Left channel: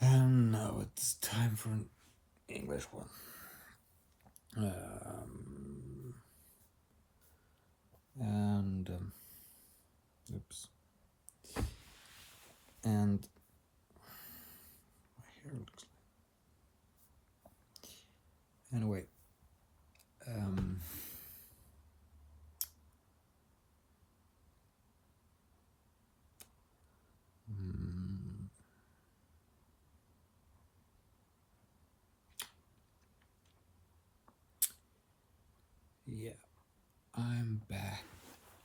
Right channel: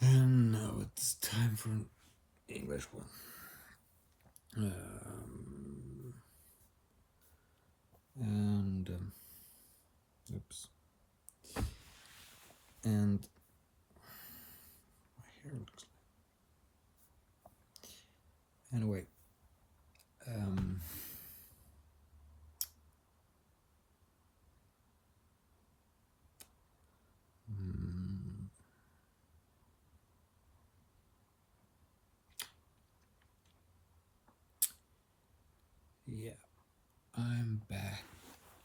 And now it's time for an English one. And oops. And here it looks. Anyway, yeah, I'm back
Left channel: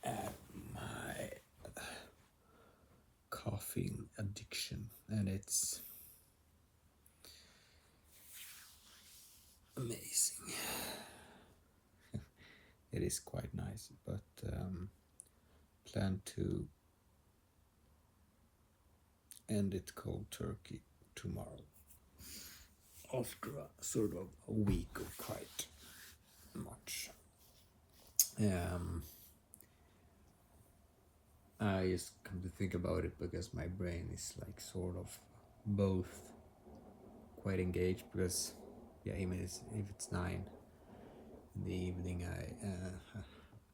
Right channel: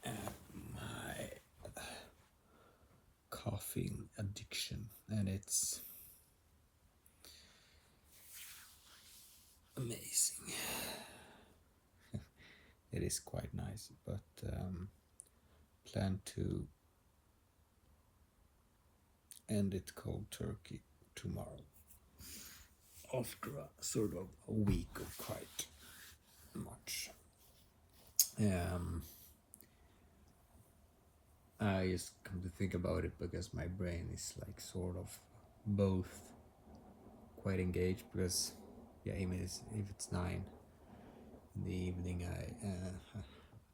at my coughing addiction, and it's amazing. It is quite nice, but plan to end it cold turkey tomorrow after a sort of a week of quite much. I just come to think about it because my brain is like sort of both quite engaged because even if it's 9 in the evening,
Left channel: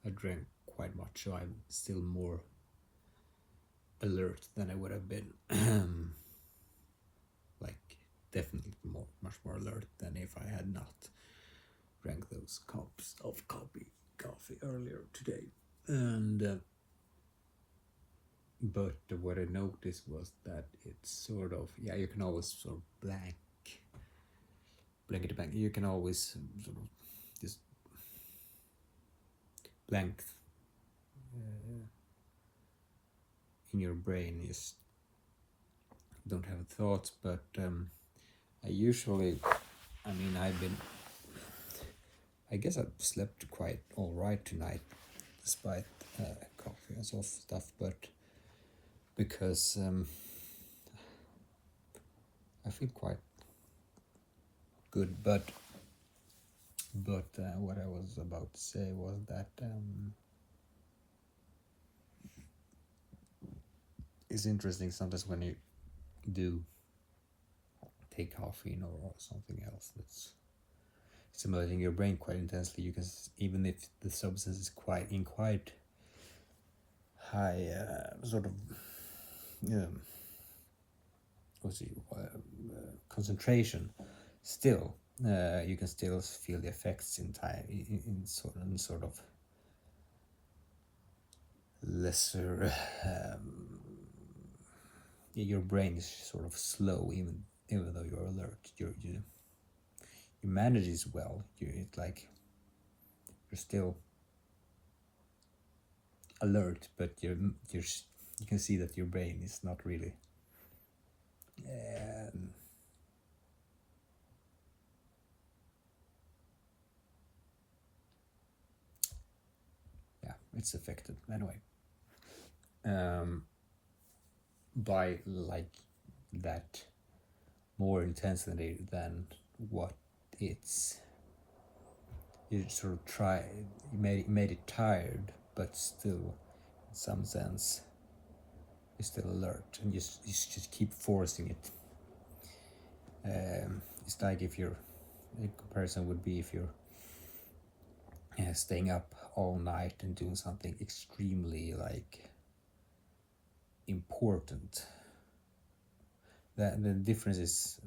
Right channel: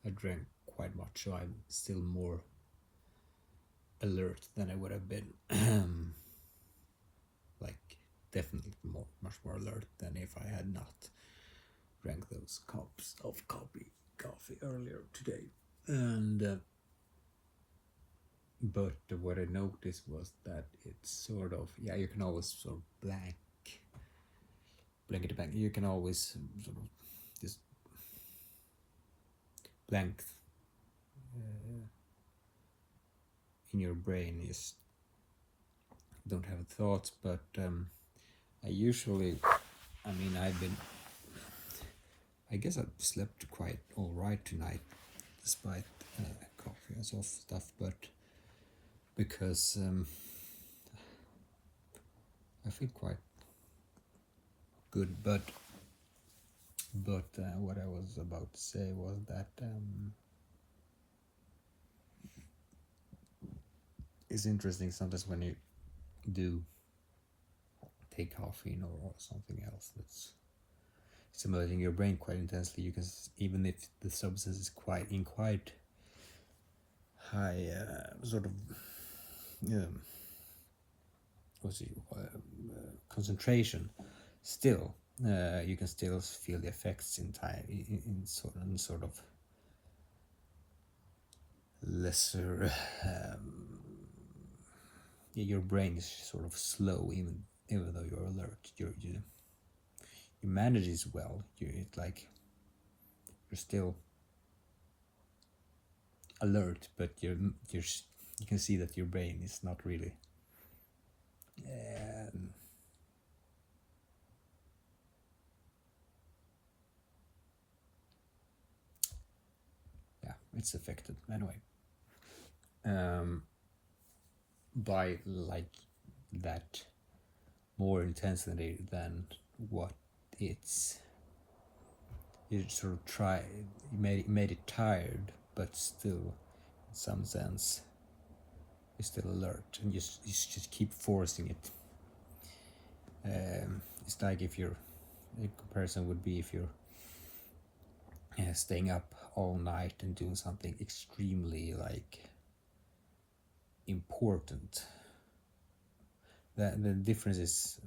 I drank quite much, so I'm still more alert than I would have been. Like definitely much more alert than if I had not drank those cups of coffee earlier today. And but what I noticed was that it's sort of you can always sort of blank it blank. You can always sort of just blank in your brain. Just don't have thoughts. But I usually, I guess I've slept quite all right tonight, despite coffee and stuff. But because I feel quite good. But what I was about to say was that it's interesting sometimes when you do take caffeine or something else that's stimulating your brain quite intensely. You can, even if the substance is quite high sort of concentration, still you can still feel the effects in time in sort of lesser your brain is sort of slow even though you're alert. You manage it well. It's like you're still alert, but you can see that your brain is not really it's affected anyway by like that more intensity than what it's you sort of try made it tired, but still in some sense you're still alert, and you just keep forcing it. It's like if you're a comparison would be if you're staying up all night and doing something extremely like important. That the difference is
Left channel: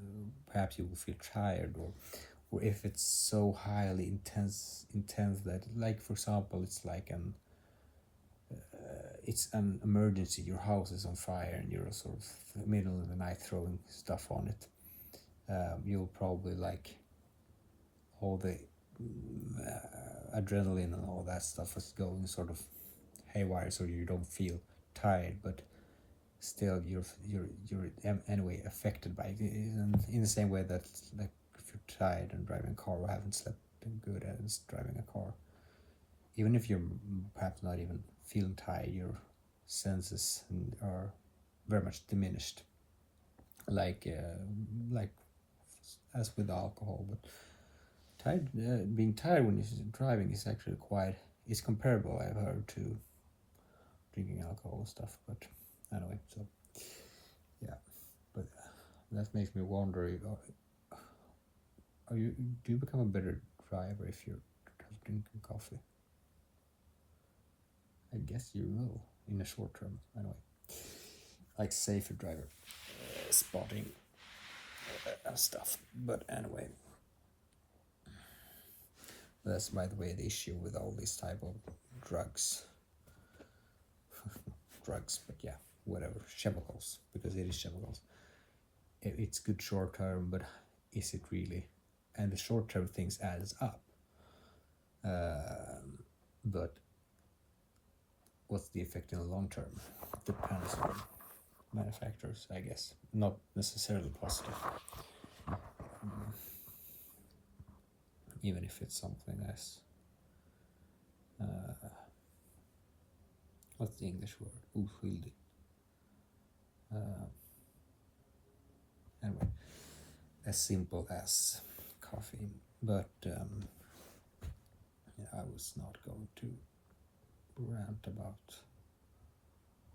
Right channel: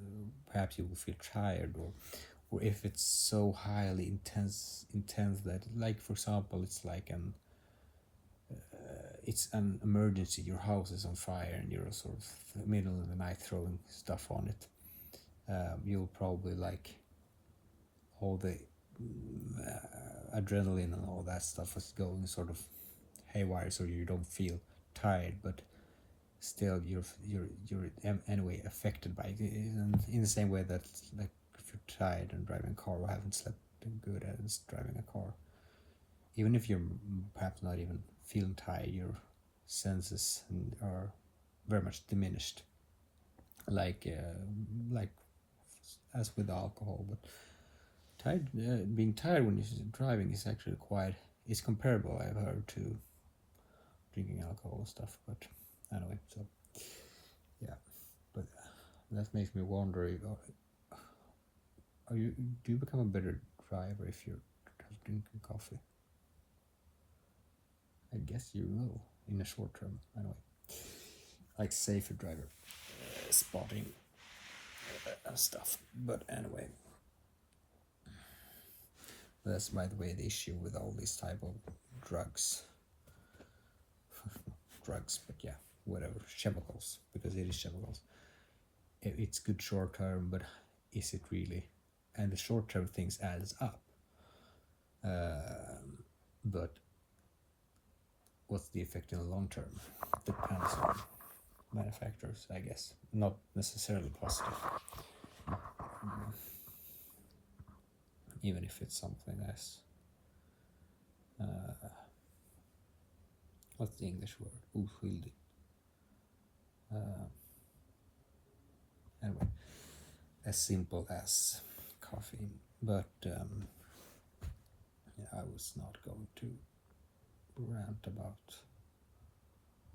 perhaps you will feel tired, or if it's so highly intense that, like for example, it's an emergency, your house is on fire and you're sort of middle of the night throwing stuff on it. You'll probably like all the adrenaline and all that stuff is going sort of haywire, so you don't feel tired, but still you're anyway affected by it. And in the same way that like if you're tired and driving a car or haven't slept good as driving a car, even if you're perhaps not even feeling tired, your senses are very much diminished, like as with alcohol. But being tired when you're driving is actually it's comparable, I've heard, to drinking alcohol and stuff. But anyway, so yeah, but that makes me wonder, do you become a better driver if you're drinking coffee? I guess you will in the short term, anyway. Like safer driver, spotting and stuff. But anyway, that's by the way the issue with all these type of drugs. Drugs, but yeah, whatever, chemicals, because it is chemicals. It's good short term, but is it really? And the short term things adds up. But what's the effect in the long term? Depends on manufacturers, I guess. Not necessarily positive. Even if it's something as what's the English word? Oskyldig. Anyway, as simple as coffee, but I was not going to rant about,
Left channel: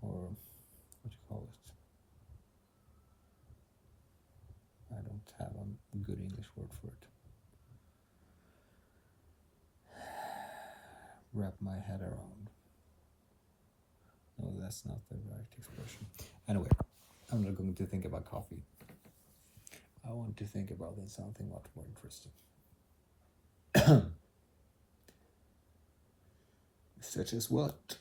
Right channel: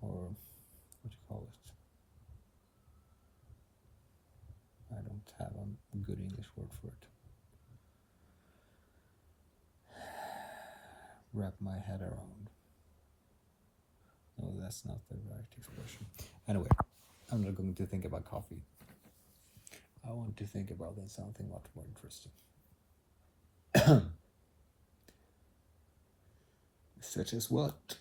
or what do you call it? I don't have a good English word for it. Wrap my head around. No, that's not the right expression. Anyway, I'm not going to think about coffee. I want to think about something much more interesting. Such as what?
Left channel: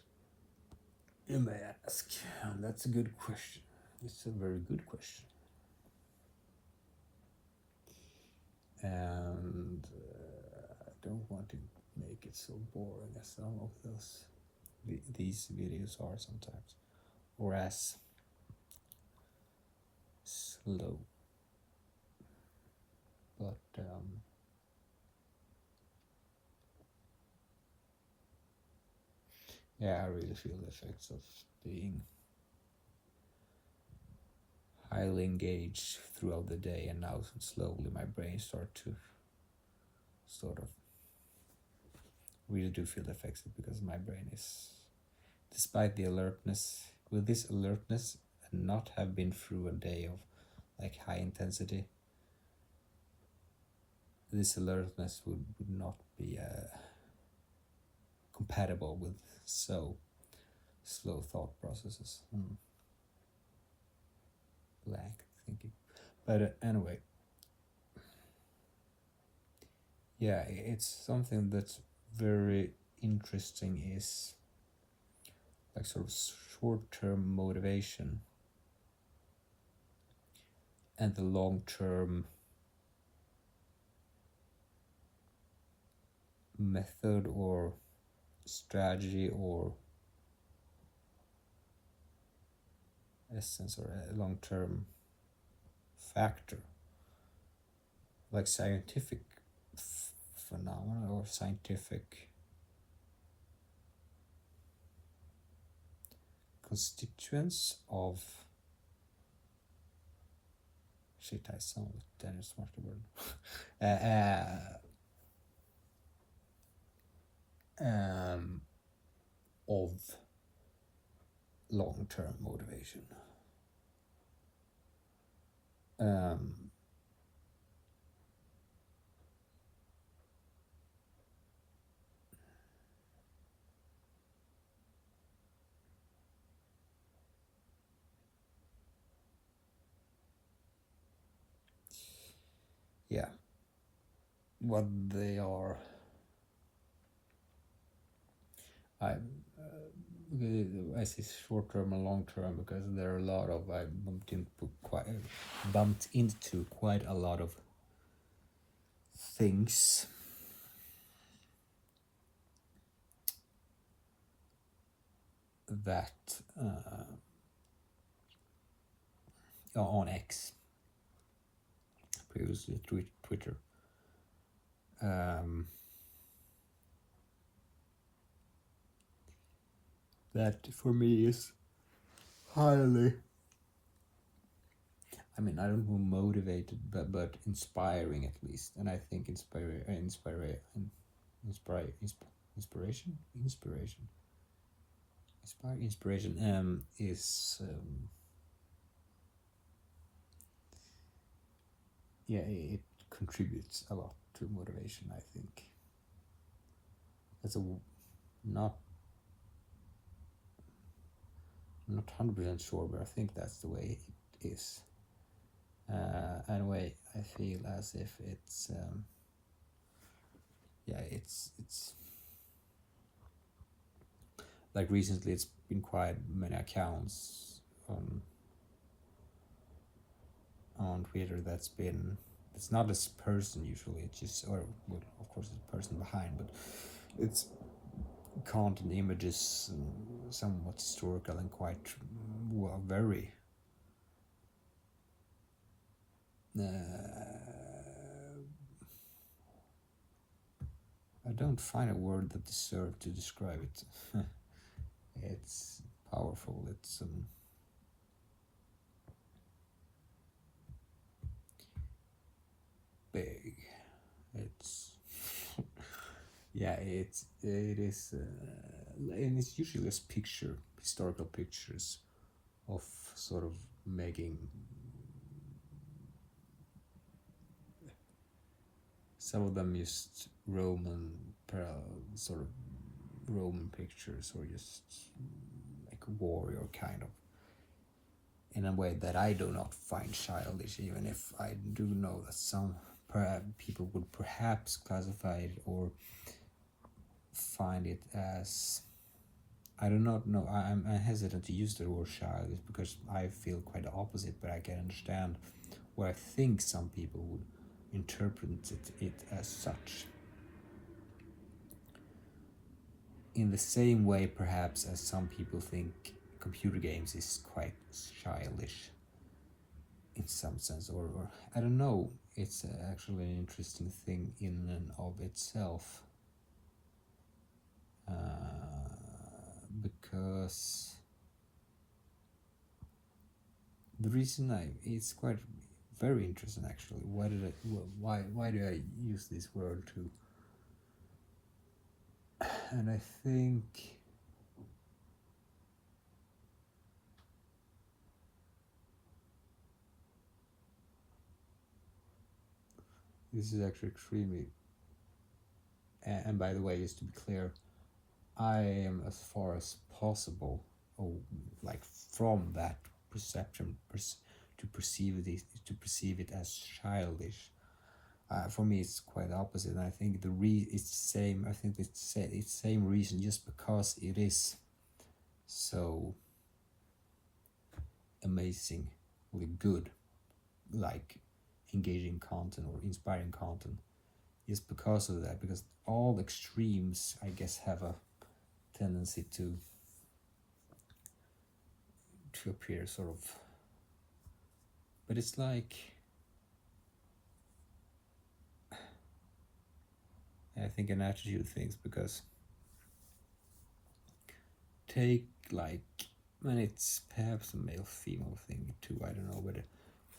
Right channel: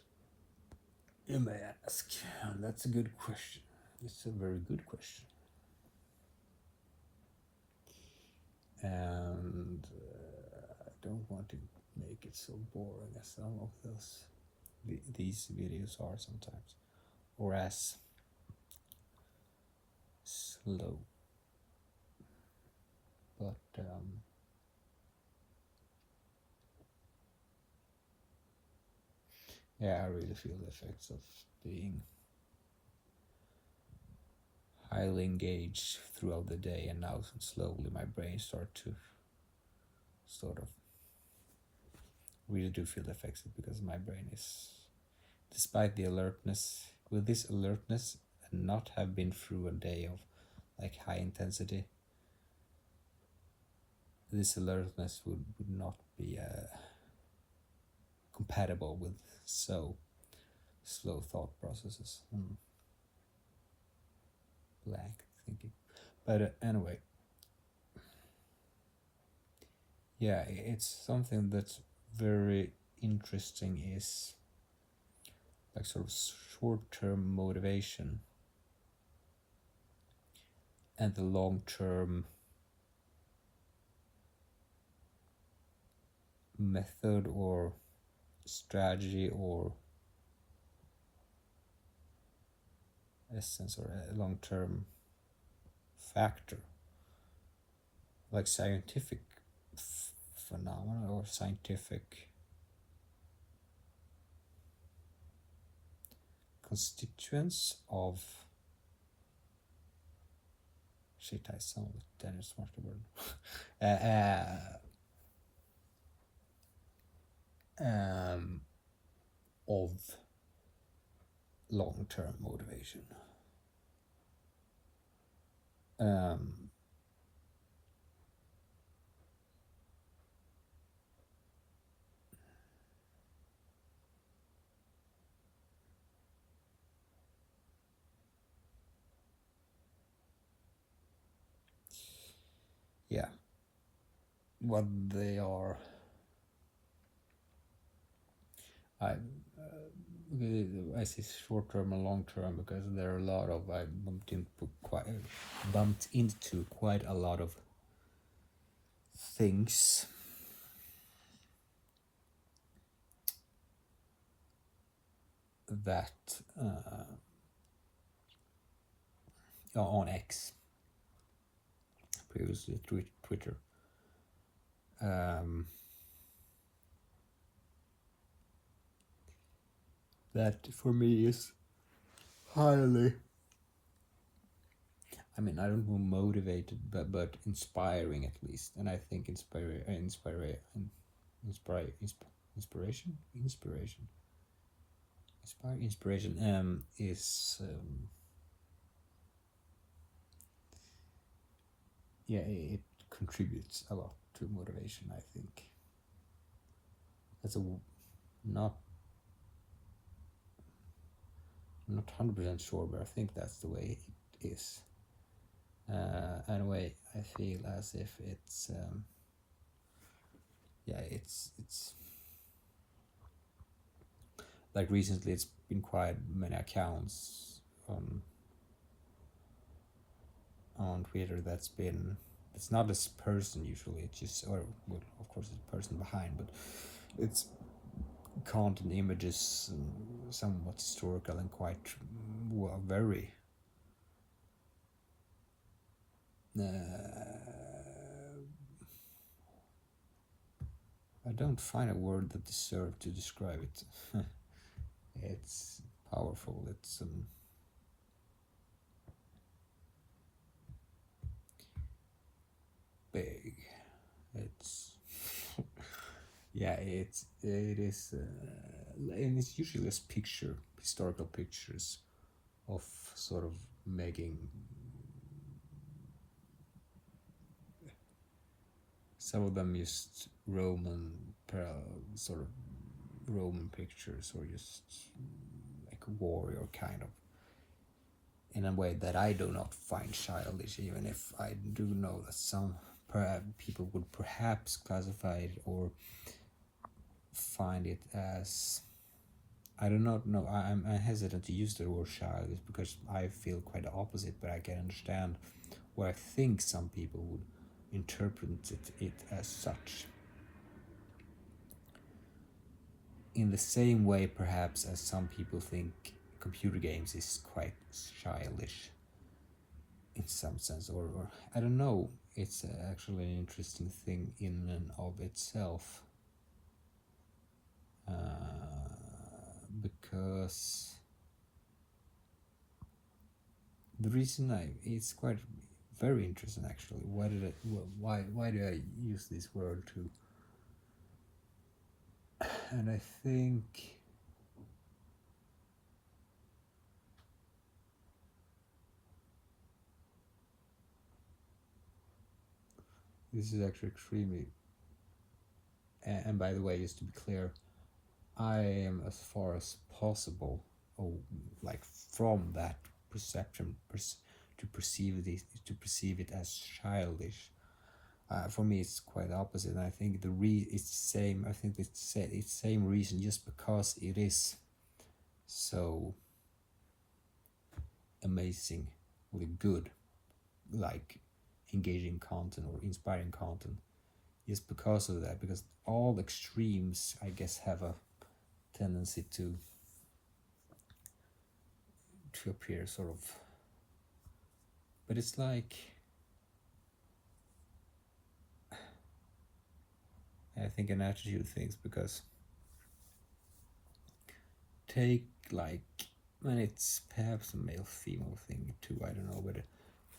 You may ask. That's a good question. It's a very good question. And I don't want to make it so boring as some of these videos are sometimes, or as slow. But yeah, I really feel the effects of being highly engaged throughout the day, and now slowly my brain starts to sort of really do feel the effects of, because my brain is, despite the alertness, with this alertness and not have been through a day of like high intensity, this alertness would not be compatible with so slow thought processes. Blank thinking. But anyway, yeah, it's something that's very interesting, is like sort of short-term motivation and the long-term method or strategy or essence or a long-term factor, like scientific phenomena or scientific constituents of shit. I sound Dennis Martin. Of long-term motivation. Yeah, what they are. I see short term and long term because there are a lot of, I bumped into quite a lot of things that on X, previously Twitter, that for me is highly, I mean, I don't know, motivated, but inspiring at least. And I think inspiration is yeah, it contributes a lot to motivation, I think. That's a not I'm not 100% sure, but I think that's the way it is. Anyway, I feel as if it's yeah, it's like recently it's been quite many accounts on Twitter that's been, it's not this person usually, it's just, or well, of course it's the person behind, but it's content images, somewhat historical and quite well, very I don't find a word that deserves to describe it. It's powerful. It's big. It's yeah. It is, and it's usually just historical pictures of sort of making. Some of them just sort of Roman pictures, or just like a warrior kind of, in a way that I do not find childish, even if I do know that some people would perhaps classify it or find it as, I do not know. I'm hesitant to use the word childish because I feel quite the opposite, but I can understand where I think some people would interpret it as such. In the same way, perhaps, as some people think computer games is quite childish in some sense, or I don't know. It's actually an interesting thing in and of itself, because the reason it's quite very interesting actually. Why do I use this word to? And I think this is actually extremely, and by the way, just to be clear, I am as far as possible, like from that perception, to perceive it as childish. For me, it's quite opposite. And I think it's the same. I think it's same reason, just because it is so amazing, really good, like engaging content or inspiring content, is because of that. Because all extremes, I guess, have a tendency to appear sort of, but it's like, I think, an attitude things, because take, like, when it's perhaps a male female thing too, I don't know, but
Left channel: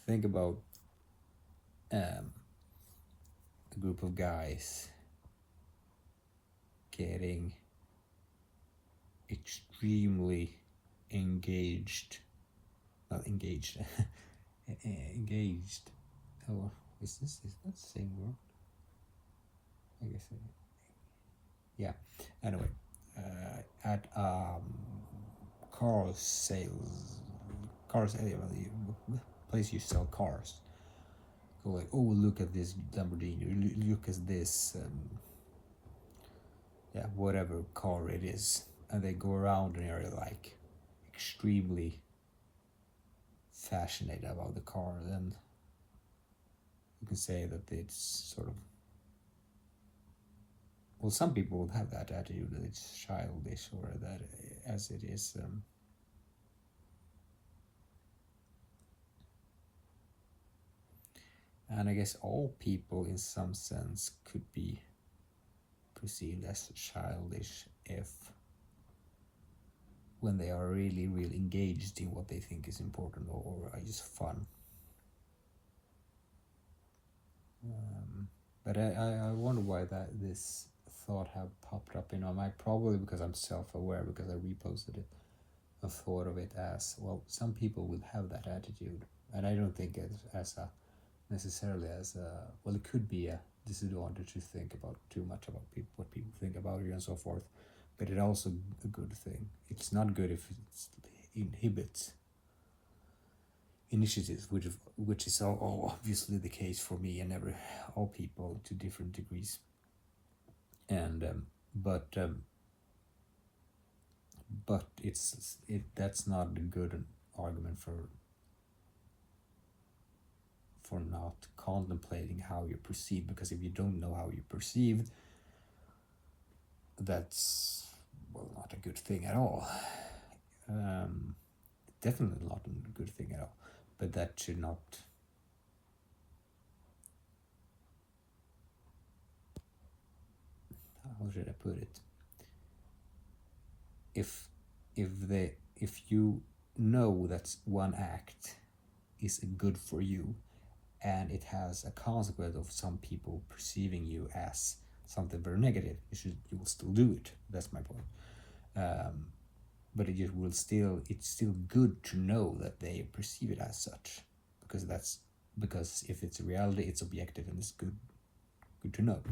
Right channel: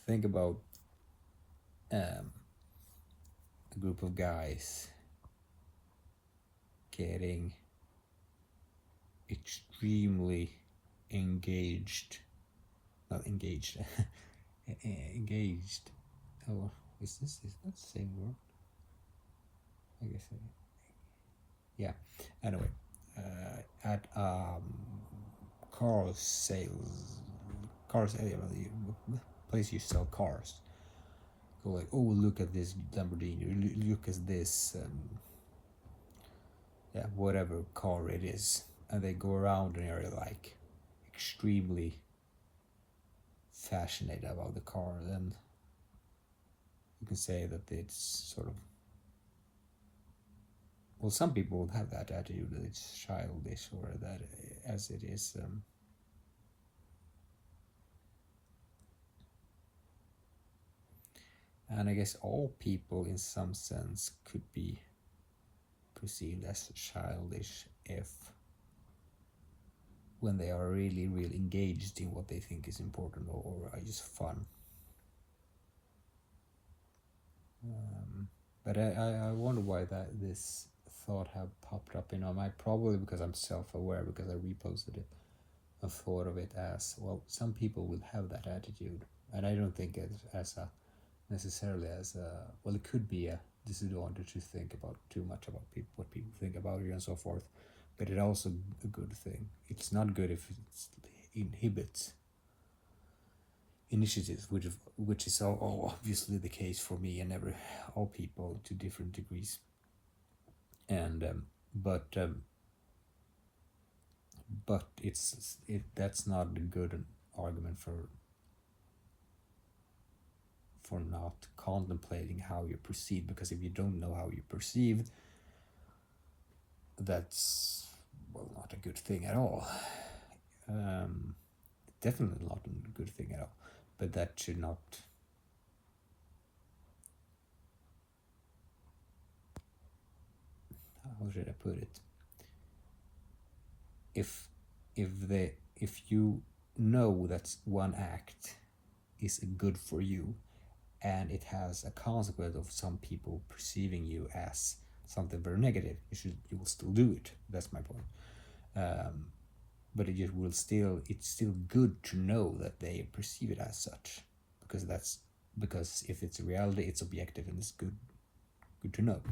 think about a group of guys getting extremely not engaged engaged, oh, is that the same word? I guess yeah, anyway, at cars, place you sell cars, go like, oh, look at this Lamborghini, look at this yeah, whatever car it is, and they go around an area like extremely fascinated about the car, then you can say that it's sort of, well, some people will have that attitude that it's childish, or that as it is and I guess all people in some sense could be perceived as childish if, when they are really engaged in what they think is important, or are just fun. But I wonder why this thought have popped up in my mind. Probably because I'm self-aware, because I reposted it. I thought of it as, well, some people will have that attitude, and I don't think it as a necessarily as a, well, it could be a disadvantage to think about too much about people, what people think about you and so forth, but it's also a good thing. It's not good if it inhibits initiatives, which is obviously the case for me and all people to different degrees. And but that's not a good argument for not contemplating how you perceive, because if you don't know how you perceive, that's, well, not a good thing at all. Definitely not a good thing at all, but that should not, how should I put it, if you know that one act is good for you and it has a consequence of some people perceiving you as something very negative, you will still do it. That's my point. But it's still good to know that they perceive it as such, because if it's a reality, it's objective and it's good to know.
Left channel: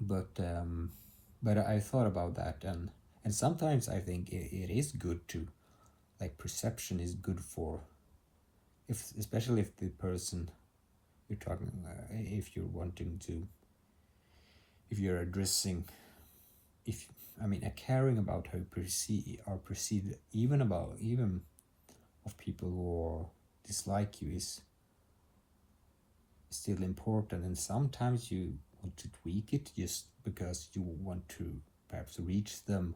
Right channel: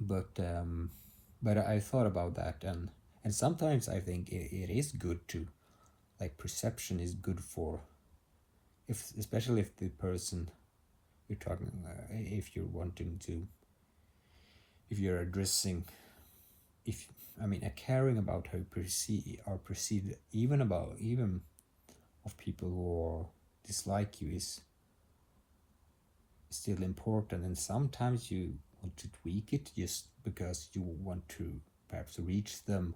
But I thought about that, and sometimes I think it is good to, like, perception is good for, especially if the person you're talking, if you're wanting to, if you're addressing, if I mean, a caring about how you are perceived, even of people who dislike you, is still important, and sometimes you want to tweak it just because you want to perhaps reach them.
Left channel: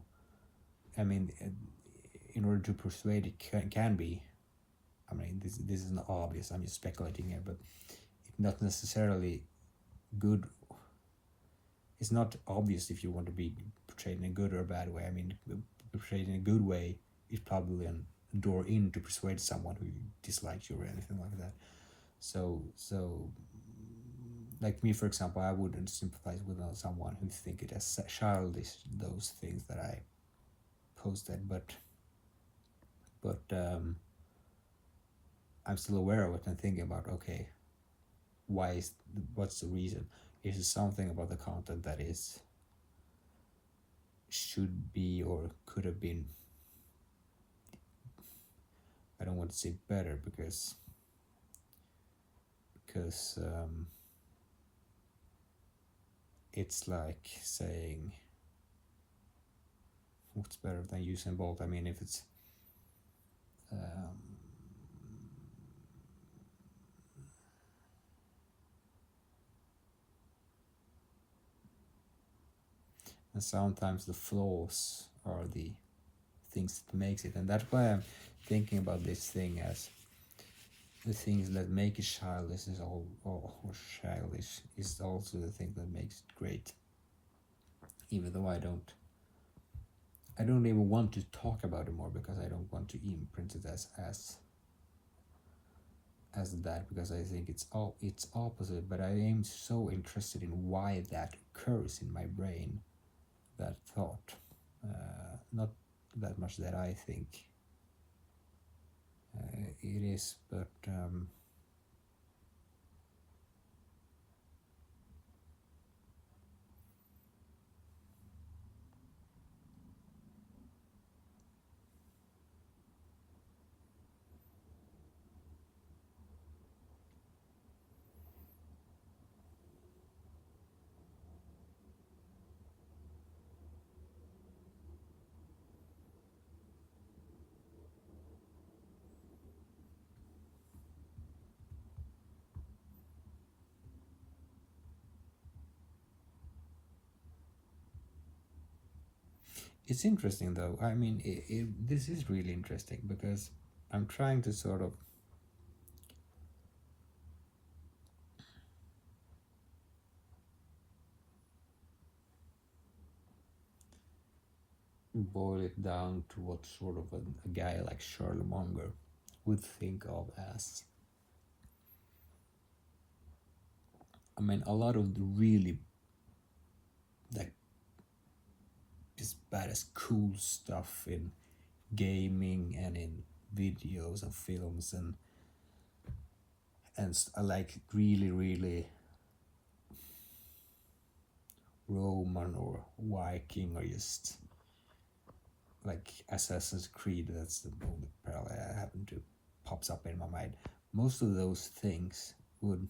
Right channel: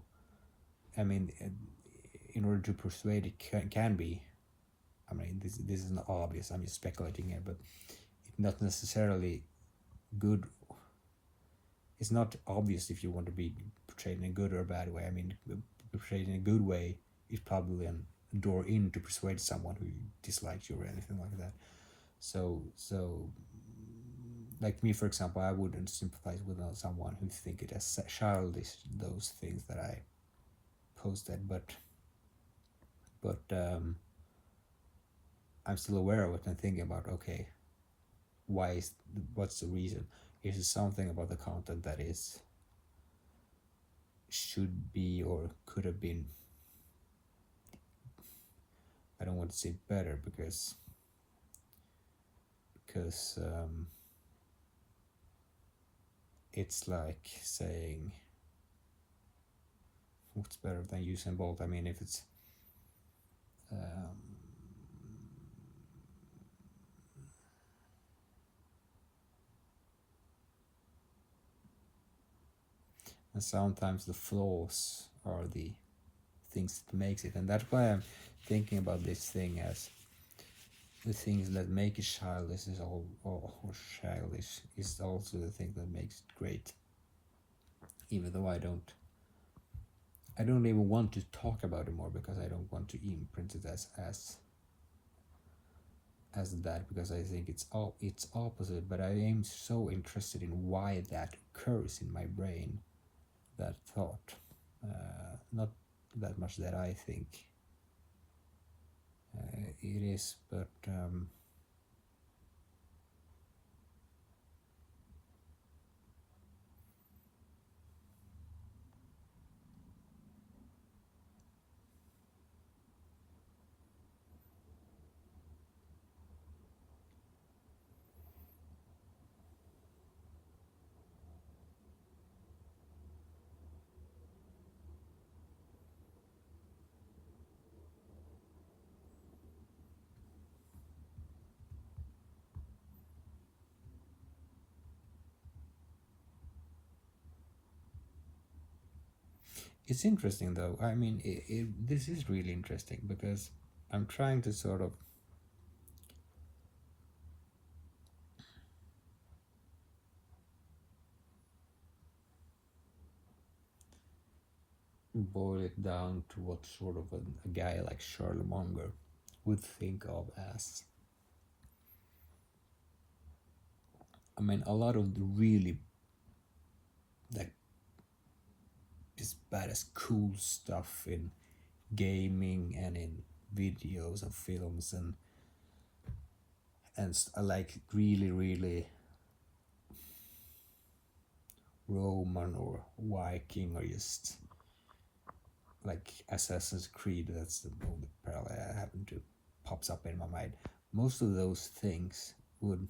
I mean, in order to persuade, it can be, I mean, this is not obvious, I'm just speculating here, but it's not necessarily good. It's not obvious if you want to be portrayed in a good or a bad way. I mean, portrayed in a good way is probably a door in to persuade someone who dislikes you or anything like that. So like me, for example, I wouldn't sympathize with someone who think it as childish, those things that I posted, but I'm still aware of it and thinking about, okay, what's the reason? Is it something about the content that should be or could have been, I don't want to say better, because it's like saying, what's better than Usain Bolt? I mean, if it's and sometimes the flaws are the things that makes it, and that's why I'm thinking about this thing as the things that make it childish is or childish is also the thing that makes it great. Even though I don't even want to talk about it more, because I don't want to imprint it as that, because I think it's opposite. But I am so interested in why that occurs in my brain, that thought. Not that much that I think it is, but it's interesting though. I mean, this is really interesting, because I'm trying to sort of boil it down to what sort of a guy like Charlie Munger would think of as, I mean, a lot of the really, like, this badass cool stuff in gaming and in videos and films, and like really really Roman or Viking or just like Assassin's Creed. That's the only parallel I happen to pops up in my mind. Most of those things would,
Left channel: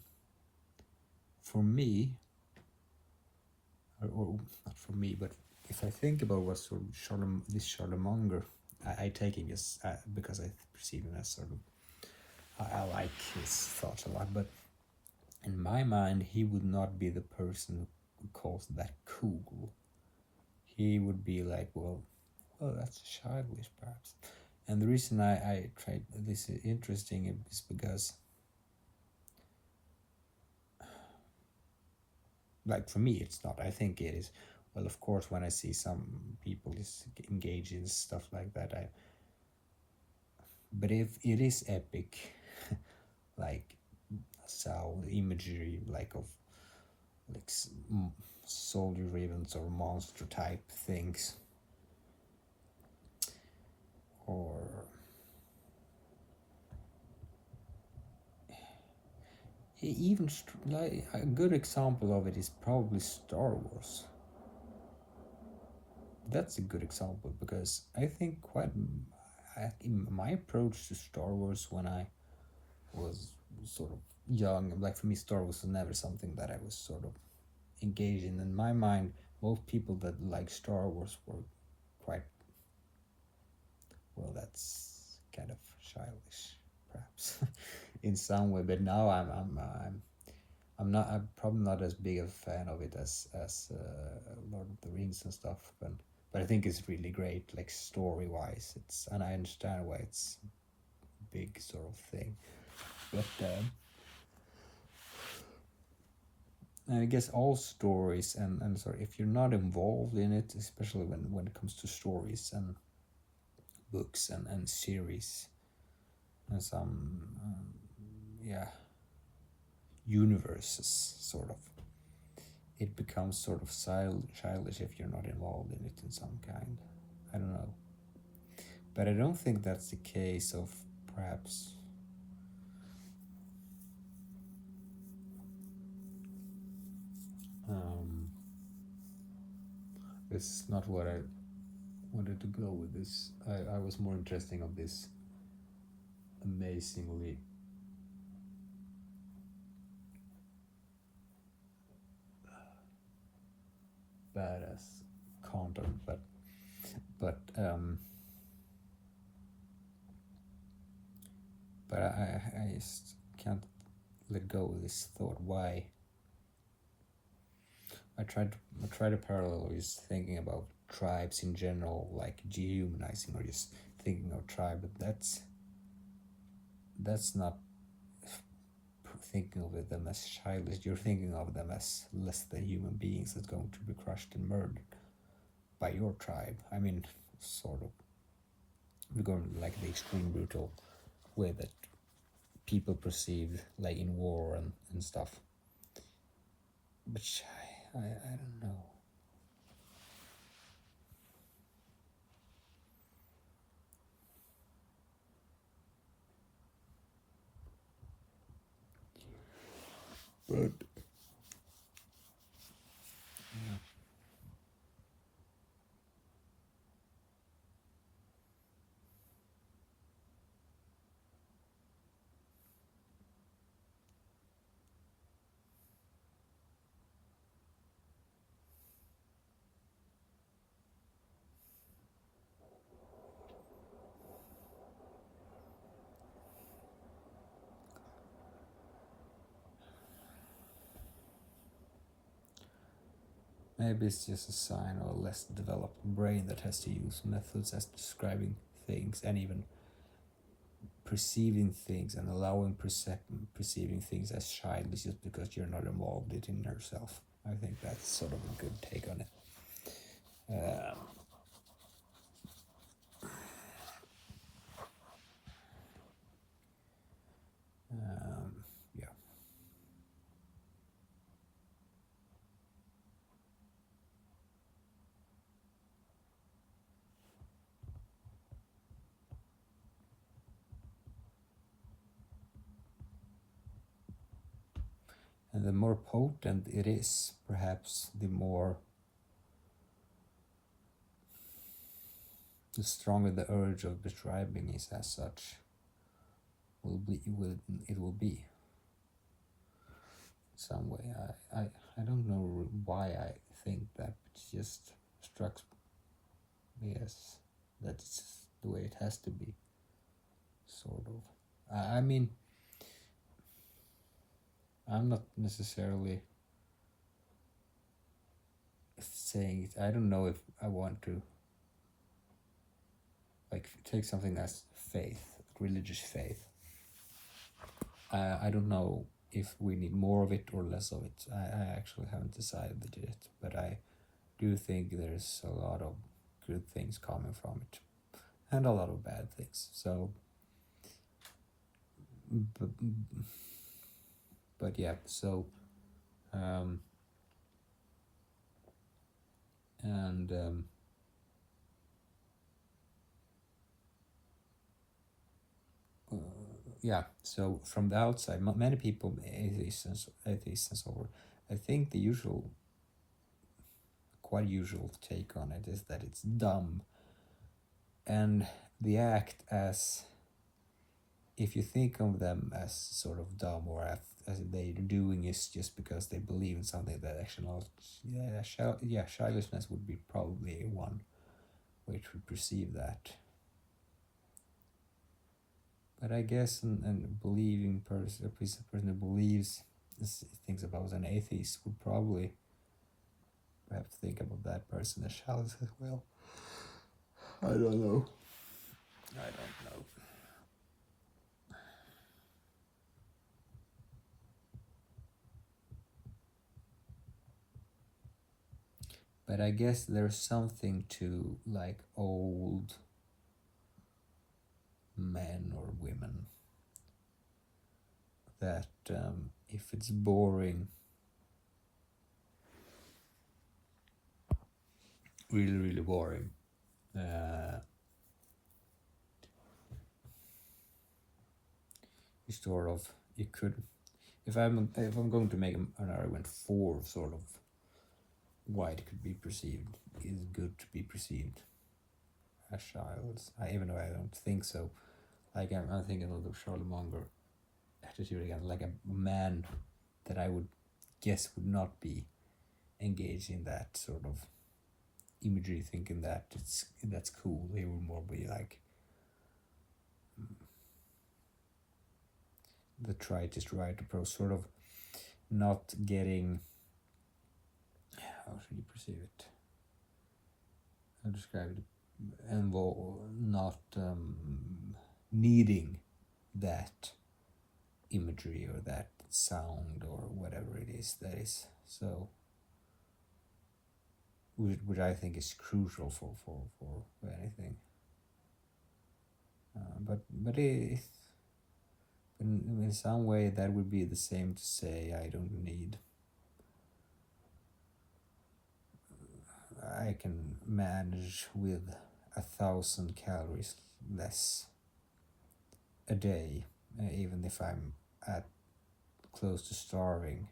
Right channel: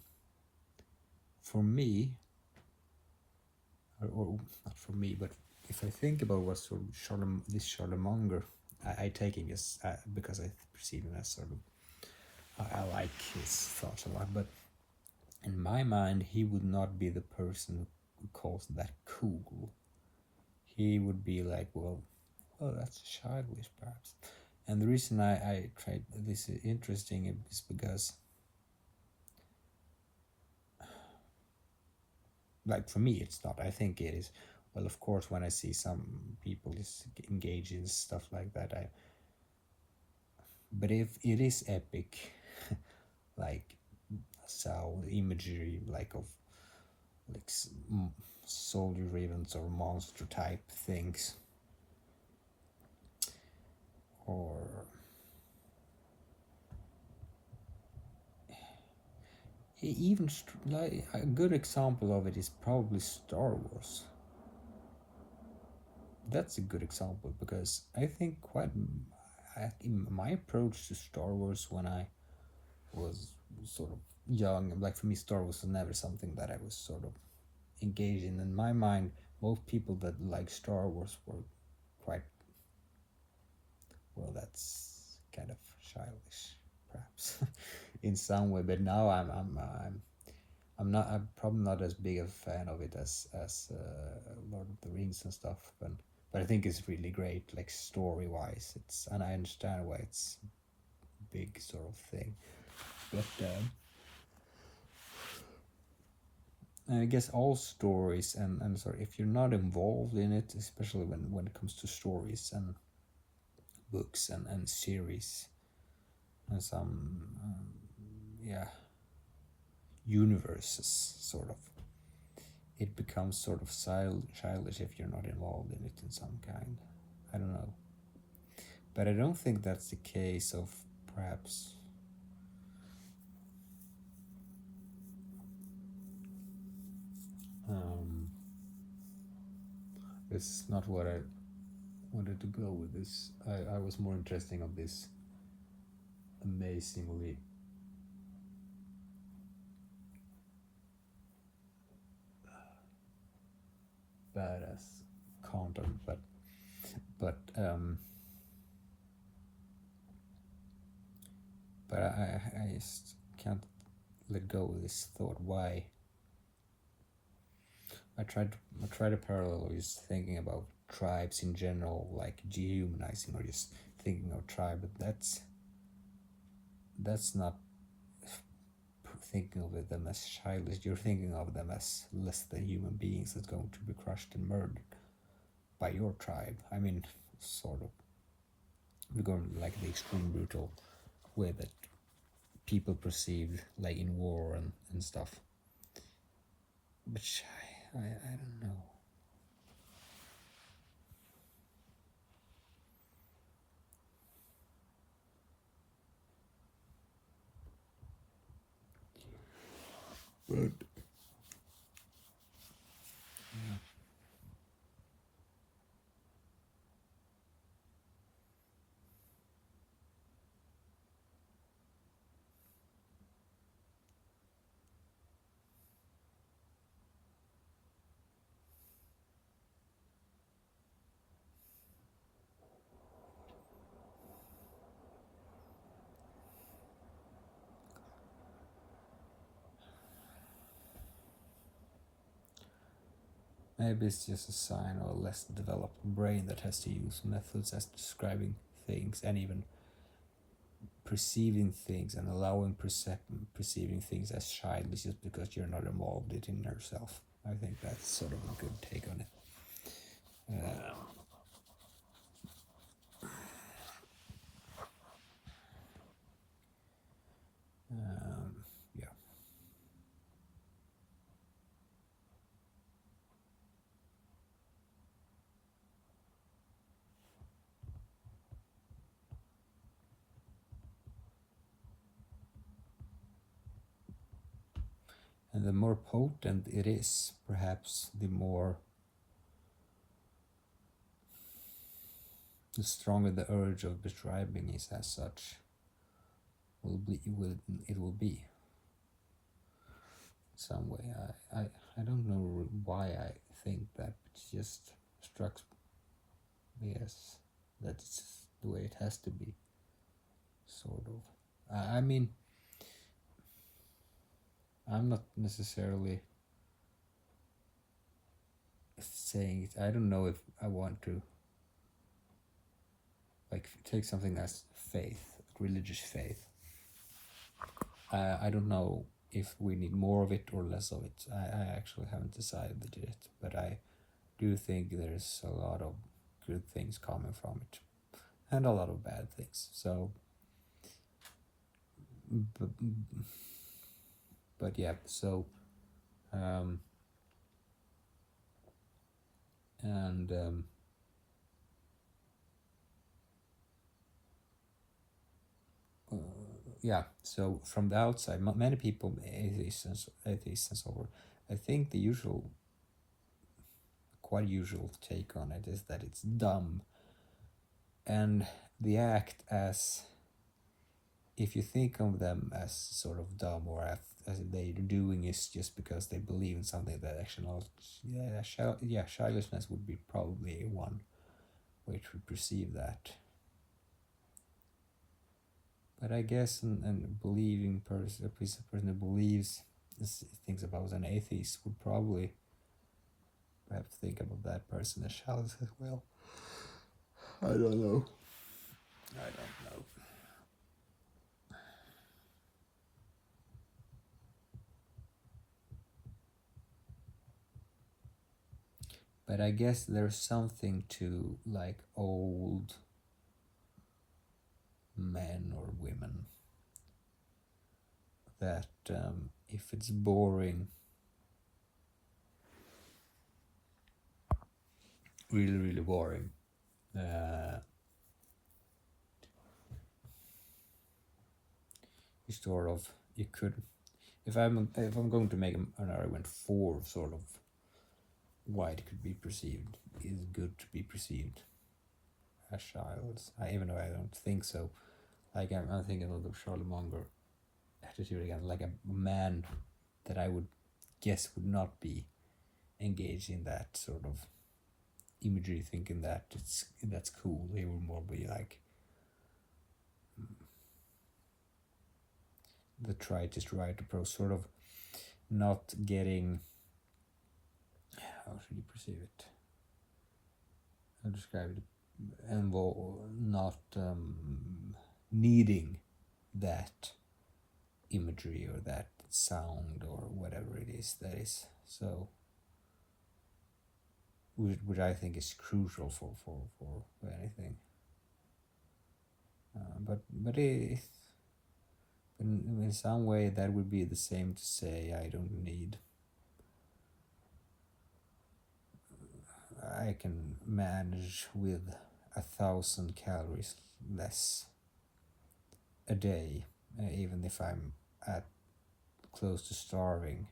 for me, or not for me, but if I think about what sort of this Charlemagne, I take him as because I perceive him as sort of I like his thoughts a lot, but in my mind he would not be the person who calls that cool. He would be like, well, oh, that's childish perhaps. And the reason I tried this is interesting is because, like, for me it's not. I think it is. Well, of course, when I see some people is engage in stuff like that, but if it is epic, like sound imagery, like of like soldier ravens or monster type things, or even like a good example of it is probably Star Wars. That's a good example because I think in my approach to Star Wars when I was sort of young, like for me Star Wars was never something that I was sort of engaged in my mind. Most people that like Star Wars were quite, well, that's kind of childish perhaps in some way, but now I'm probably not as big a fan of it as Lord of the Rings and stuff, but I think it's really great, like story wise. And I understand why it's a big sort of thing. But and I guess all stories and sorry, if you're not involved in it, especially when it comes to stories and books and series and some yeah universes sort of, it becomes sort of childish if you're not involved in it in some kind. I don't know, but I don't think that's the case of perhaps this is not what I wanted to go with this. I was more interested of this amazingly badass content, but I just can't let go of this thought. Why I try to parallel is thinking about tribes in general, like dehumanizing or just thinking of tribe, but that's not thinking of them as childish. You're thinking of them as less than human beings that's going to be crushed and murdered by your tribe. I mean, sort of, we're going like the extreme brutal way that people perceive, like in war and stuff. But I don't know. But yeah. Maybe it's just a sign of a less developed brain that has to use methods as describing things and even perceiving things and allowing perceiving things as childish just because you're not involved in it yourself. I think that's sort of a good take on it. Yeah. And the more potent it is, perhaps the stronger the urge of describing is as such it will be some way. I don't know why I think that, but it just struck me as that's the way it has to be, sort of. I mean, I'm not necessarily saying it. I don't know if I want to like take something as faith, religious faith. I don't know if we need more of it or less of it. I actually haven't decided yet, but I do think there's a lot of good things coming from it and a lot of bad things. So, but yeah, so and yeah, so from the outside, many people, atheists and so on, I think the quite usual take on it is that it's dumb, and they act as if you think of them as sort of dumb or as they're doing is just because they believe in something that actually not. Childishness would be probably one way to perceive that. But I guess and believing person, a person who believes things about an atheist would probably perhaps think about that person as childish as well. I don't know. But I guess there's something to like old men or women that if it's boring, really boring, you sort of you could if I'm going to make an argument for sort of why it could be perceived is good to be perceived as childs. Even though I don't think so. Like I'm thinking of the Charlie Munger attitude again, like a man that I would guess would not be engaged in that sort of imagery, thinking that that's cool. He would more be like the right approach, sort of not getting. How should you perceive it? How describe it? And not needing that imagery or that sound or whatever it is that is so, which I think is crucial for anything. But in some way that would be the same to say I don't need. I can manage with 1,000 calories less a day, even if I'm at close to starving.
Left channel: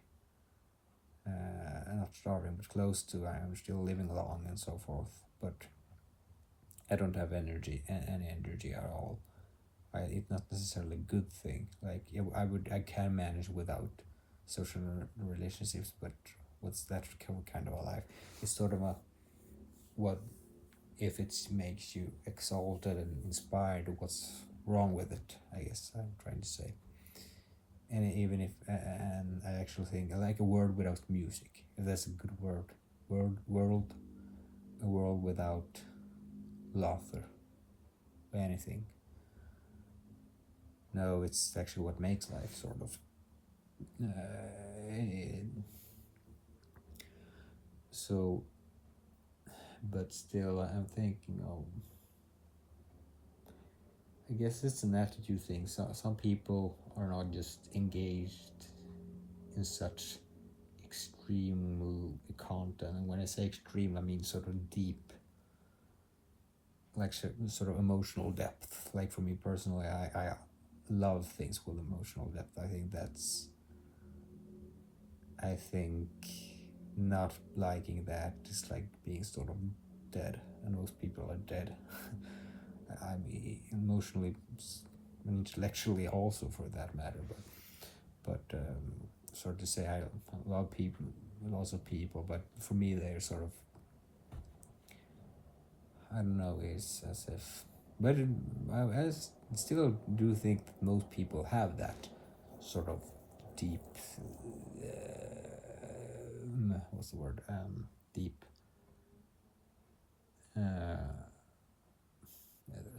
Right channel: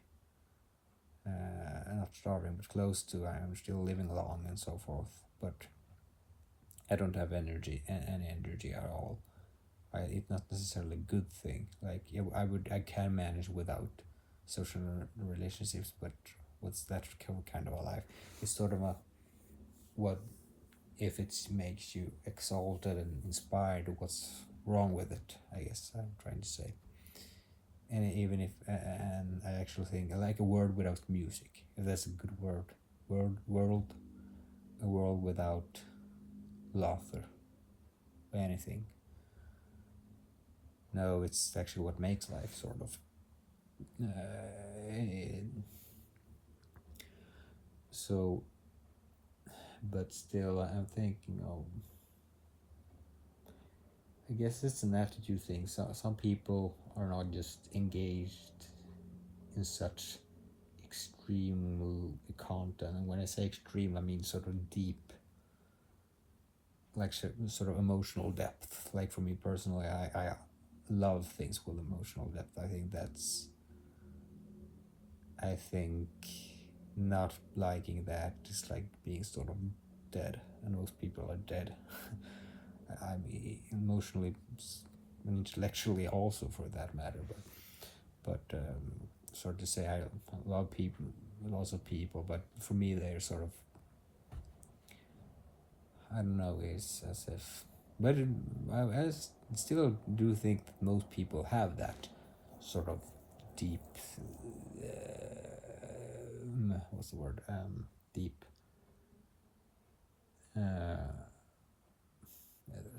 Not starving, but close to. I'm still living long and so forth, but I don't have any energy at all. It's not necessarily a good thing. Like I can manage without social relationships, but what's that kind of a life? It's sort of a what if it makes you exalted and inspired? What's wrong with it? I guess I'm trying to say. And even if and I actually think I like a world without music. If that's a good word, a world without laughter, anything. No, it's actually what makes life, sort of. So, but still, I'm thinking of. I guess it's an attitude thing. Some people are not just engaged in such extreme content, and when I say extreme, I mean sort of deep, like sort of emotional depth. Like for me personally, I love things with emotional depth. I think that's I think not liking that is like being sort of dead, and most people are dead. I mean, emotionally and intellectually also, for that matter. But sort of to say, I love people, lots of people, but for me they're sort of, I don't know, it's as if, but I still do think that most people have that sort of deep, what's the word, deep, there's